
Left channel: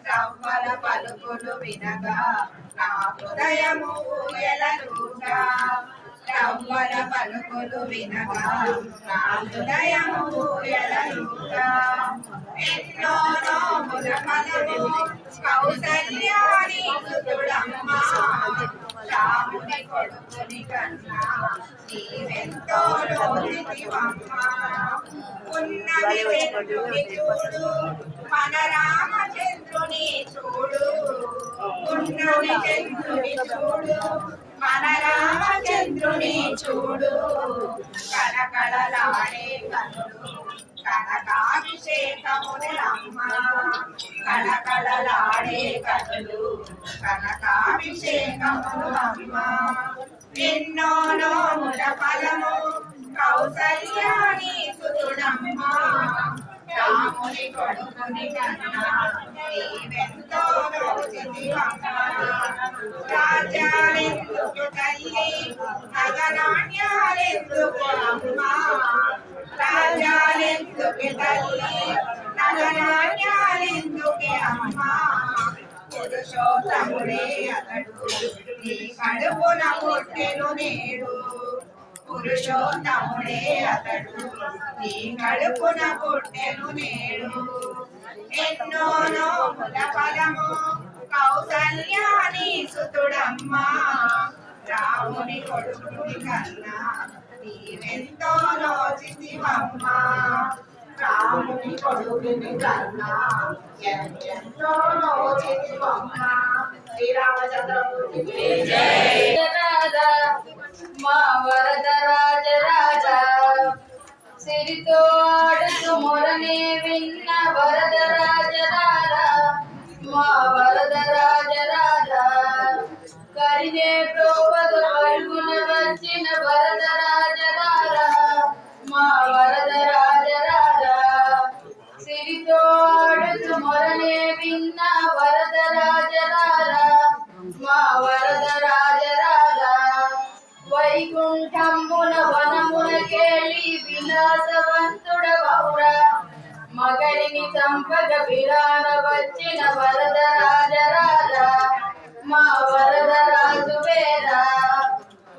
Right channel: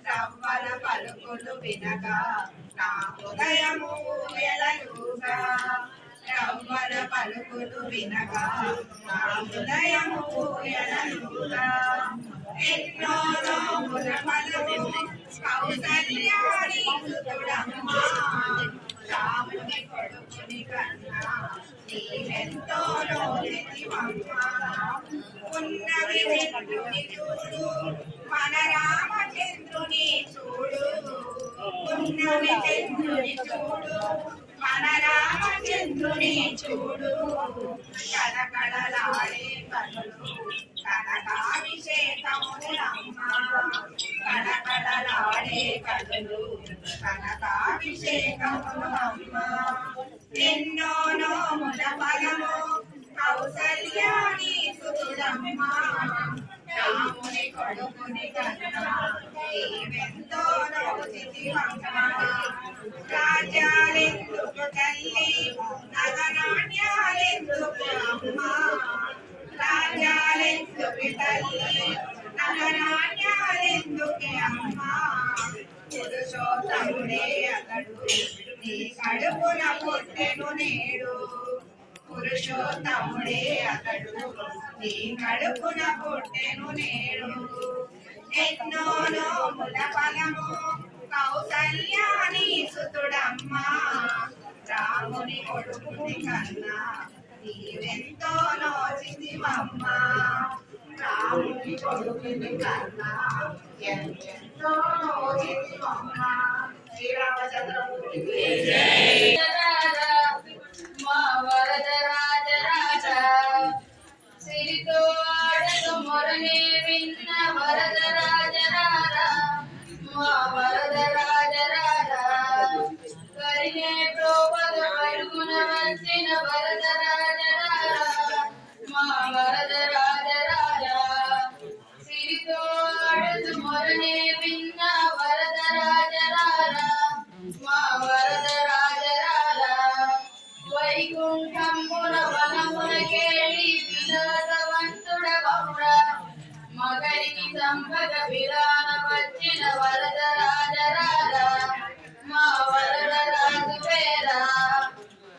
రవ్వల పలుకులు వినగా నా హృదయము ఎలలుగా రవ్వల పలుకులు వినగా నా హృదయము ఎలలుగా ఎన్నో నోముల ఫలము కౌసల్యాని సుతుడమ్మా రాముని కొడుకుని కన్నా నీవెంతో నోచితివమ్మా ఉన్నవి చంద్రుని చూడు మన రామచంద్రుని చూడు ఉన్నవి చంద్రుని చూడు మన రామచంద్రుని చూడు కళకళలాడే కనులు కనకాభిషేకములమ్మ కళకళలాడే కనులు కనకాభిషేకములమ్మ ఎన్నో నోముల ఫలము కౌసల్యాని సుతుడమ్మ రాముని కొడుకుని కన్నా నీవెంతో రోజునివమ్మ రాజ్యాలెందుకు తల్లి నగనాట్యాలెందుకు అమ్మ రాజ్యాలెందుకు తల్లి నగనాట్యాలెందుకు అమ్మ పురుషోత్తముడే అతడు నీ కడుపున పుట్టెను నేడు పురుషోత్తముడే అతడు నీ కడుపున పుట్టెను నేడు ఎన్నో నోముల ఫలము కౌసల్యాని సుతుడమ్మ రాముని కొడుకుని కన్నా నీవెంతో నోచితివమ్మ రాముని కొడుకుని కన్నా ఎంతో నోచితివమ్మ శ్రీరామచంద్రమూర్తికి జై. మా వరద రాజ రాజా సిరితో ఆడుతూ మొరనే విన్న వరద రాజ రాజా మా వరద రాజ రాజా కరిగే ప్రోవద పరుగున వచ్చిన వరద రాజ రాజా మా వరద రాజ రాజా సిరితో ఆడుతూ మొరనే విన్న వరద రాజ రాజా మా వరద రాజ రాజా వైకుంఠమున వనమునకేళి విలాసవంతుడవౌర మగరిని చంపగ విరాన వచ్చిన వరద రాజ రాజా మా వరద రాజు వేరా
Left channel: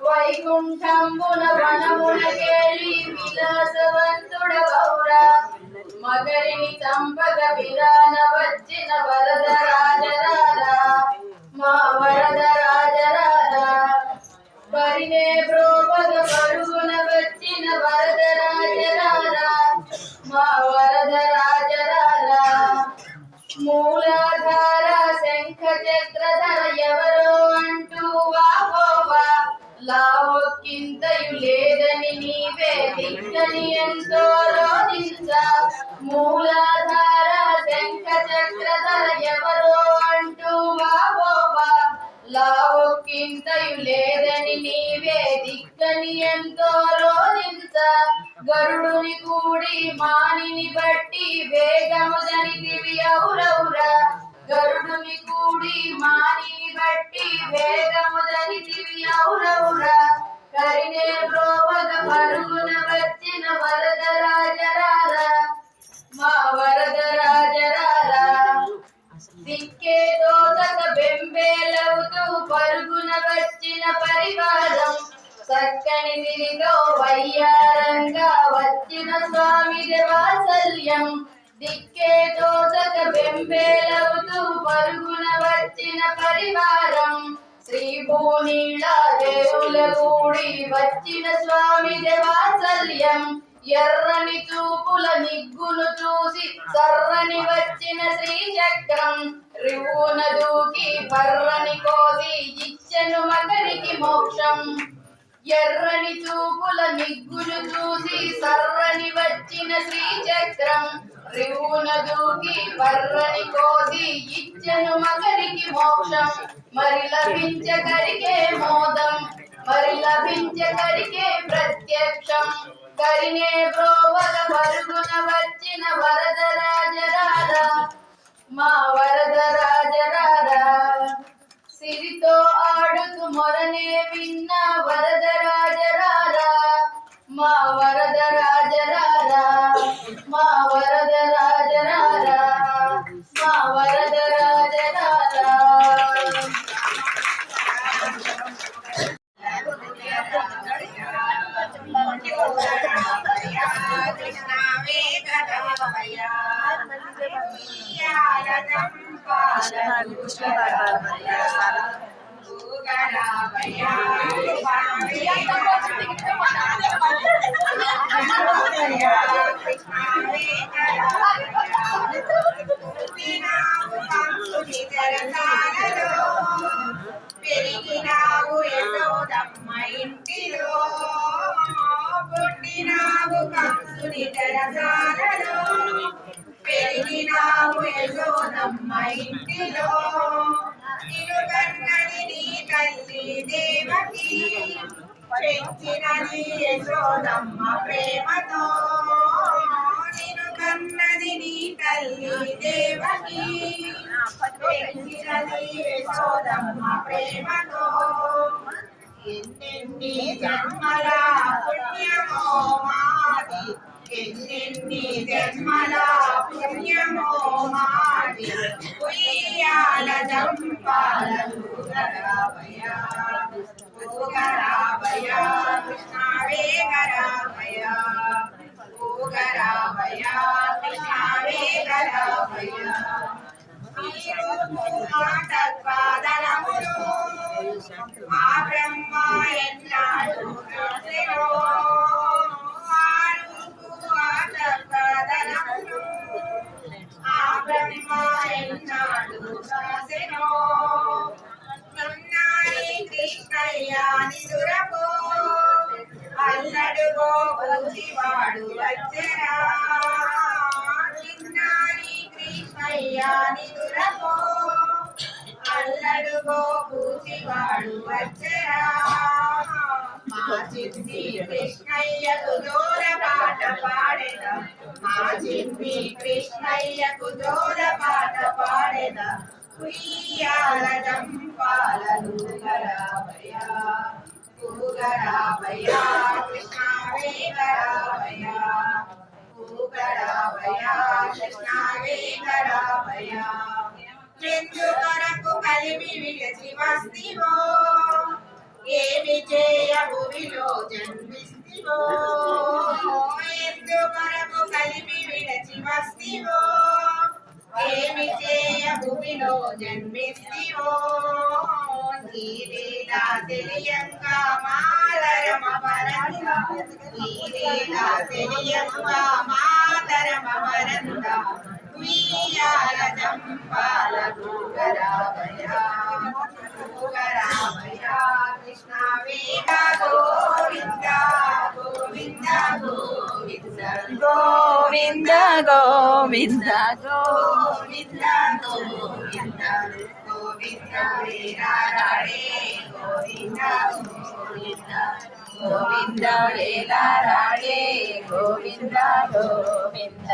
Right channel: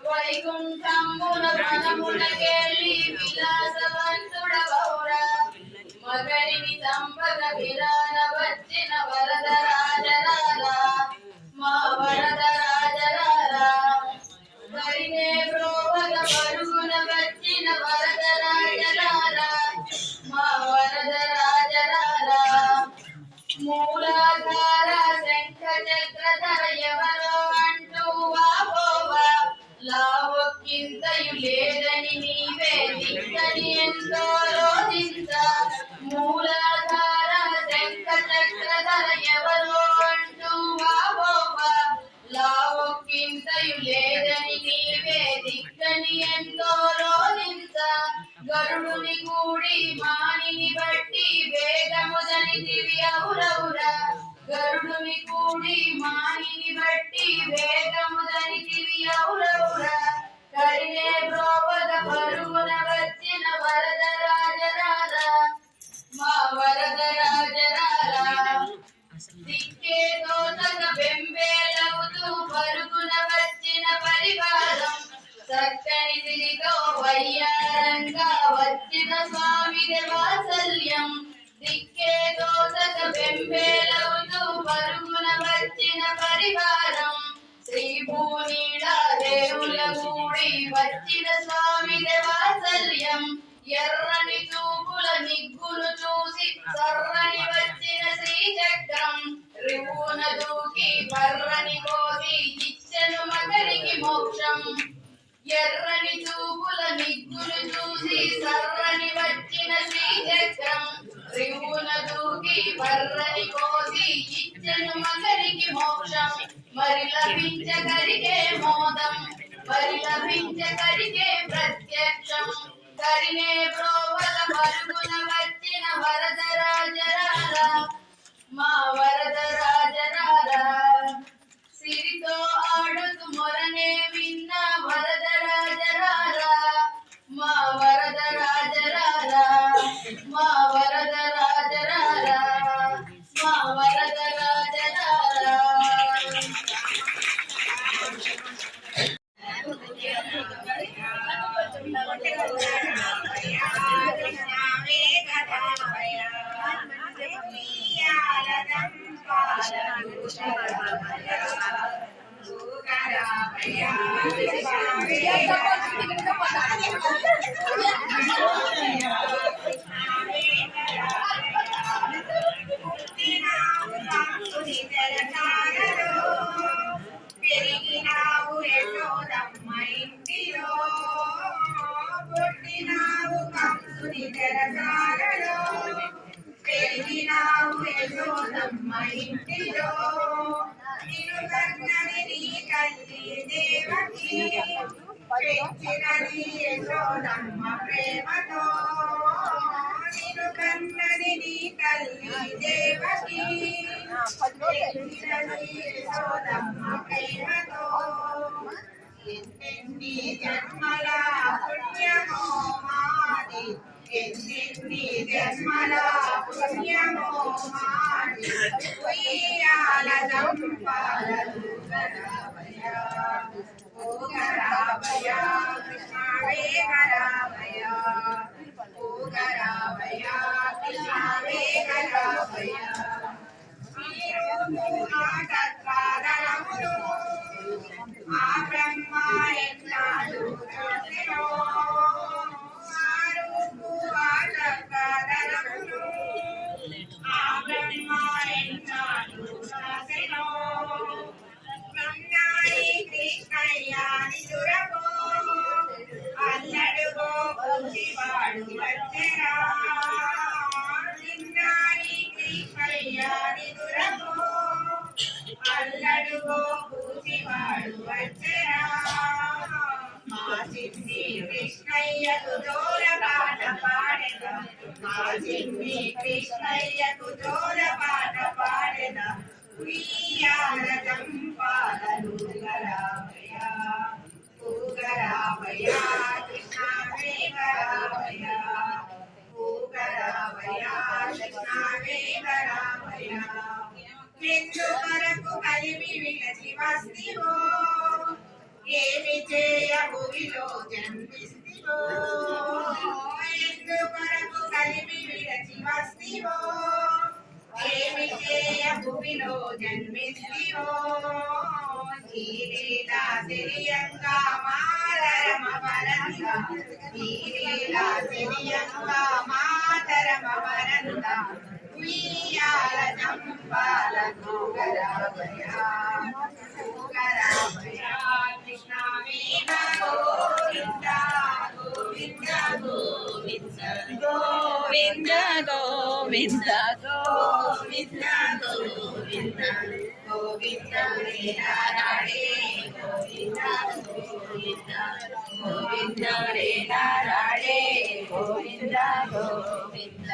వైకుంఠమున వనమునకేళి విలాసవంతుడవౌర మగరిని చంపగ విరాన వచ్చిన వరద రాజ రాజా మా వరద రాజ రాజా పరినే ప్రోపగ పరుగున వచ్చిన వరద రాజ రాజా మా వరద రాజ రాజా మూలాధార శంఖ చక్రధర ఎవరో అంటూ వావోవా లావొక్కింతయు లేదని నీవే దిక్కని ఎంతో రోధించ మూలాధార శంఖ చక్రధర ఎవరో అంటూ వావోవా లావొక్కింతయు లేదని నీవే దిక్కని ఎంతో రోధించ గరుడుని కూడి మానిని బట్టి వేగముదని దివ్యౌరౌర గరుడుని కూడి మానిని బట్టి వేగముదని దివ్యౌరౌర కరినే ప్రోపగ పరుగున వచ్చిన వరద రాజ రాజా మా వరద రాజ రాజా దిక్కే తోతక బెంబేలవుతూ పరుగున వచ్చిన పరివారం చక్కని దిరిలో వయ్యారంగా వచ్చిన స్వామి వాత్సల్యం దిక్కే తోతక బెంబేలవుతూ పరుగున వచ్చిన పరివారం శ్రీభూనీళ దేవుల కూడి వచ్చిన స్వామి వాత్సల్యం ఎర్రని చూపుల నిగ్గును చూసి సర్రని వచ్చిన శ్రీచక్రం రివున దూకి పర్రని కోసి ఇచ్చెను మకరికి మోక్షం ఎర్రని చూపుల నిగ్గును చూసి సర్రని వచ్చిన శ్రీచక్రం రివున దూకి పర్రని కోసి ఇచ్చెను మకరికి మోక్షం మరి లభించగలిగే మోదం మరి లభించగలిగే ప్రత్యక్షం కరినే ప్రోవద పరుగున వచ్చిన వరద రాజ రాజా మా వరద రాజ రాజా సిరితో ఆడుతూ మొరనే విన్న వరద రాజ రాజా మా వరద రాజ రాజా మా వరద రాజ రాజా మా వరద రాజ రాజా పెరిగినావు ఎన్నో కృష్ణుని తెరసాలలో పెరిగినావు యశోదమ్మ ఇంటిలో నిన్ను కన్నది నీ తల్లి దేవకి పెంచినది యశోదమ్మ ప్రేమతో నిన్ను కన్నది నీ తల్లి దేవకి పెంచినది యశోదమ్మ ప్రేమతో ఎన్నెన్ని జన్మల పుణ్యమో మాది ఎన్నెన్ని జన్మల పుణ్యమో మాది ఉయ్యాల జంపాల ఊగరావయ ఊగరావయ కృష్ణవే గరావయ ఊగరావయ కృష్ణవే గరావయ ఆటపాదనములు ఆ బ్రహ్మ ఎన్నాడు చూసెనో ఆరుగు ఆటపాదనములు ఆ బ్రహ్మ ఎన్నాడు చూసెనో నన్నాయి కృష్ణయ్య నిదురపో అల్లడుగో బుద్ధివాడు వచ్చెరా నిన్నాయి కృష్ణయ్య నిదురపో అల్లడుగో బుద్ధివాడు వచ్చెరా మా చిన్ని కృష్ణయ్యకు జోర పాట పాడెద మా చిన్ని కృష్ణయ్యకు జోర పాట పాడెద ఉయ్యాల జంపాలను గరావయ ఊగరావయ కృష్ణవే గరావయ ఊగరావయ కృష్ణవే గరావయ ఎందుకొరకు కలిమి విలసి వస్తివో ఏమి చేయ భూమిలో జన్మిస్తివో ఎందుకొరకు కలిమి విలసి వస్తివో ఏమి చేయ భూమిలో జన్మిస్తివో నీలీలా తెలియంగా మాతరమ వరంగా నీలీలా తెలియంగా మాతరమ వరంగా ఉయ్యాల జంపాల ఊగరావయ ఊగరావయ కృష్ణవే గోవింద గోవింద గోవింద గోవింద గోవింద గోవింద గోవింద గోవింద లీలారాడే గోవింద గోవింద గోవింద లీలారాడే గోవింద గోవింద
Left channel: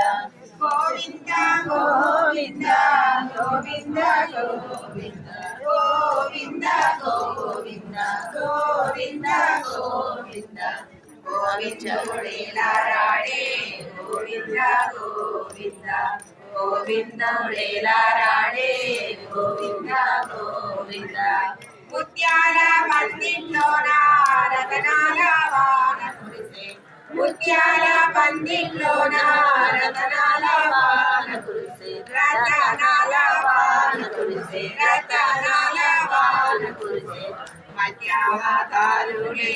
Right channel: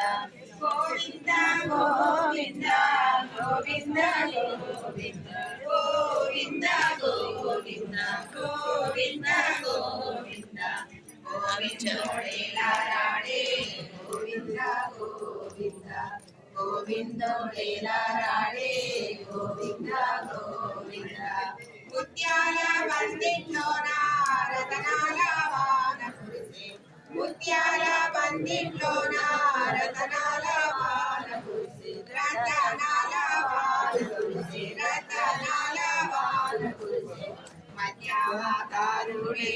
గోవింద గోవింద గోవింద గోవింద గోవింద గోవింద గోవింద గోవింద గోవిందుడేలారాడే గోవింద గోవింద గోవిందుడేలారాడే గోవింద గోవింద ముత్యాల పందిట్లోన రతనాల వాన కురిసే ముత్యాల పందిట్లోన రతనాల వాన కురిసే రతనాల వాన కురిసే రతనాల వాన కురిసే మధ్యావతారుడే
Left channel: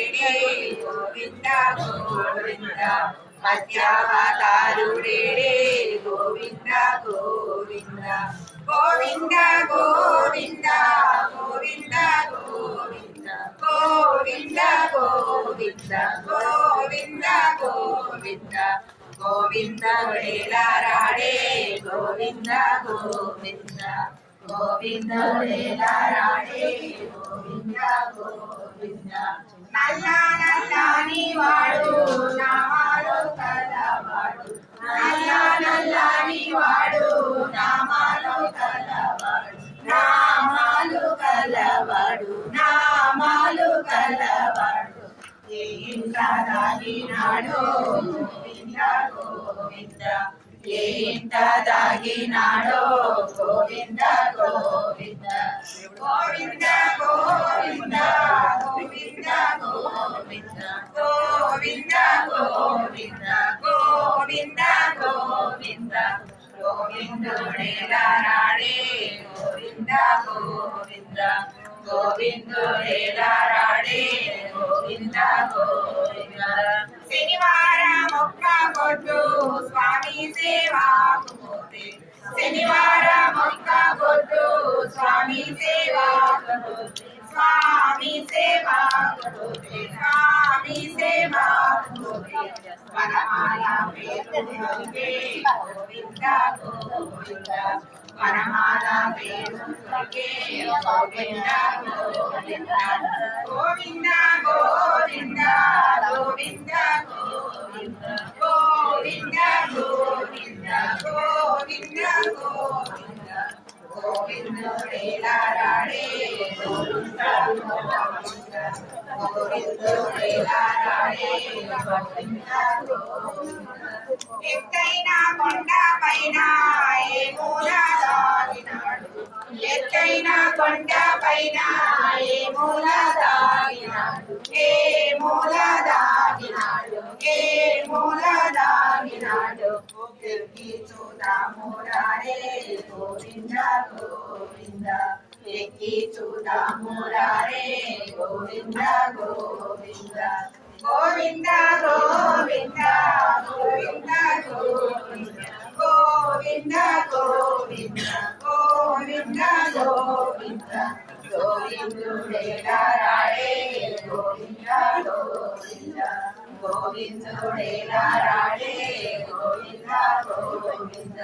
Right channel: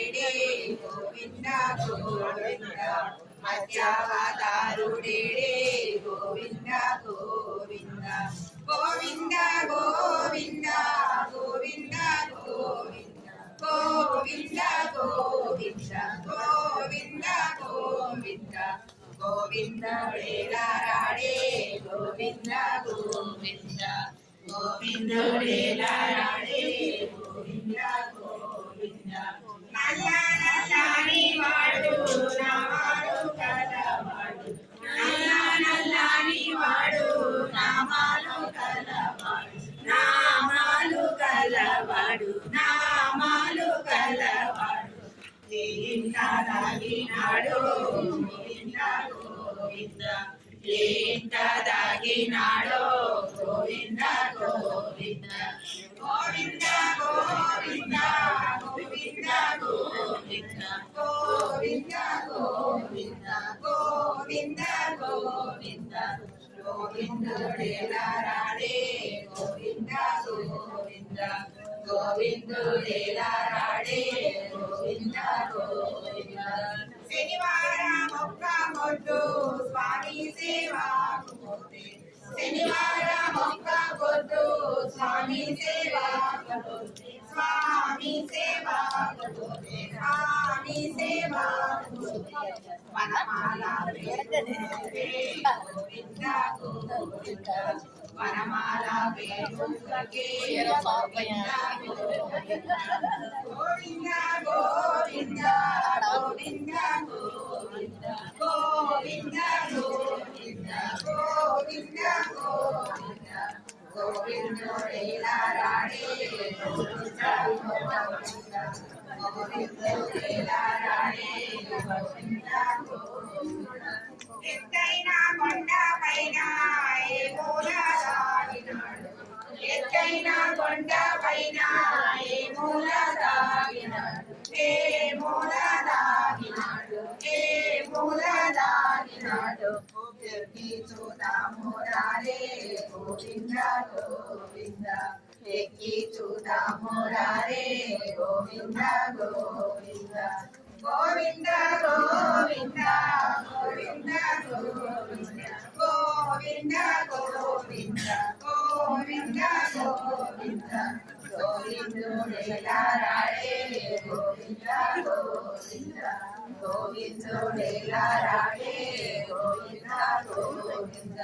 గోవింద గోవింద మధ్యావతారుడే గోవింద గోవింద గోవింద గోవింద గోవింద గోవింద గోవింద గోవింద గోవింద గోవింద గోవింద వేలారాడే గోవింద గోవింద గోవింద వేలారాడే గోవింద గోవింద నల్ల నల్లని వాడు నామాలు కలవాడు నల్ల నల్లని వాడు నామాలు కలవాడు నామాలు కలవాడు నామాలు కలవాడు ఏ ఇంట దాగినాడో గోవింద గోవింద ఏ ఇంట దాగినాడో గోవింద గోవింద గోవింద గోవింద గోవింద గోవింద గోవింద గోవింద గోవింద గోవింద గోవిందుడేలారాడే గోవింద గోవింద గోవిందుడేలారాడే గోవింద గోవింద శనివారం ఒక్క పొద్దు స్వామి సేవాకు పోతే శనివారం ఒక్క పొద్దు స్వామి సేవాకు పోతే స్వామి సేవాకు పోతే స్వామి సేవాకు పోతే వనమాల వేడుకే గోవింద గోవింద వనమాల వేడుకే గోవింద గోవింద గోవింద గోవింద గోవింద గోవింద గోవింద గోవింద గోవింద గోవింద గోవిందుడేలారాడే గోవింద గోవింద గోవిందుడేలారాడే గోవింద గోవింద ఎత్తైన కొండ పైన ఏ మూల దాగినాడు ఎత్తైన కొండ పైన ఏ మూల దాగినాడు ఏ మూల దాగినాడు ఏ మూల దాగినాడు ఎక్కి చూదాము రారే గోవింద గోవింద ఎక్కి చూదాము రారే గోవింద గోవింద గోవింద గోవింద గోవింద గోవింద గోవింద గోవింద గోవింద గోవింద గోవిందుడేలారాడే గోవింద గోవింద గోవిందుడేలారాడే గోవింద గోవింద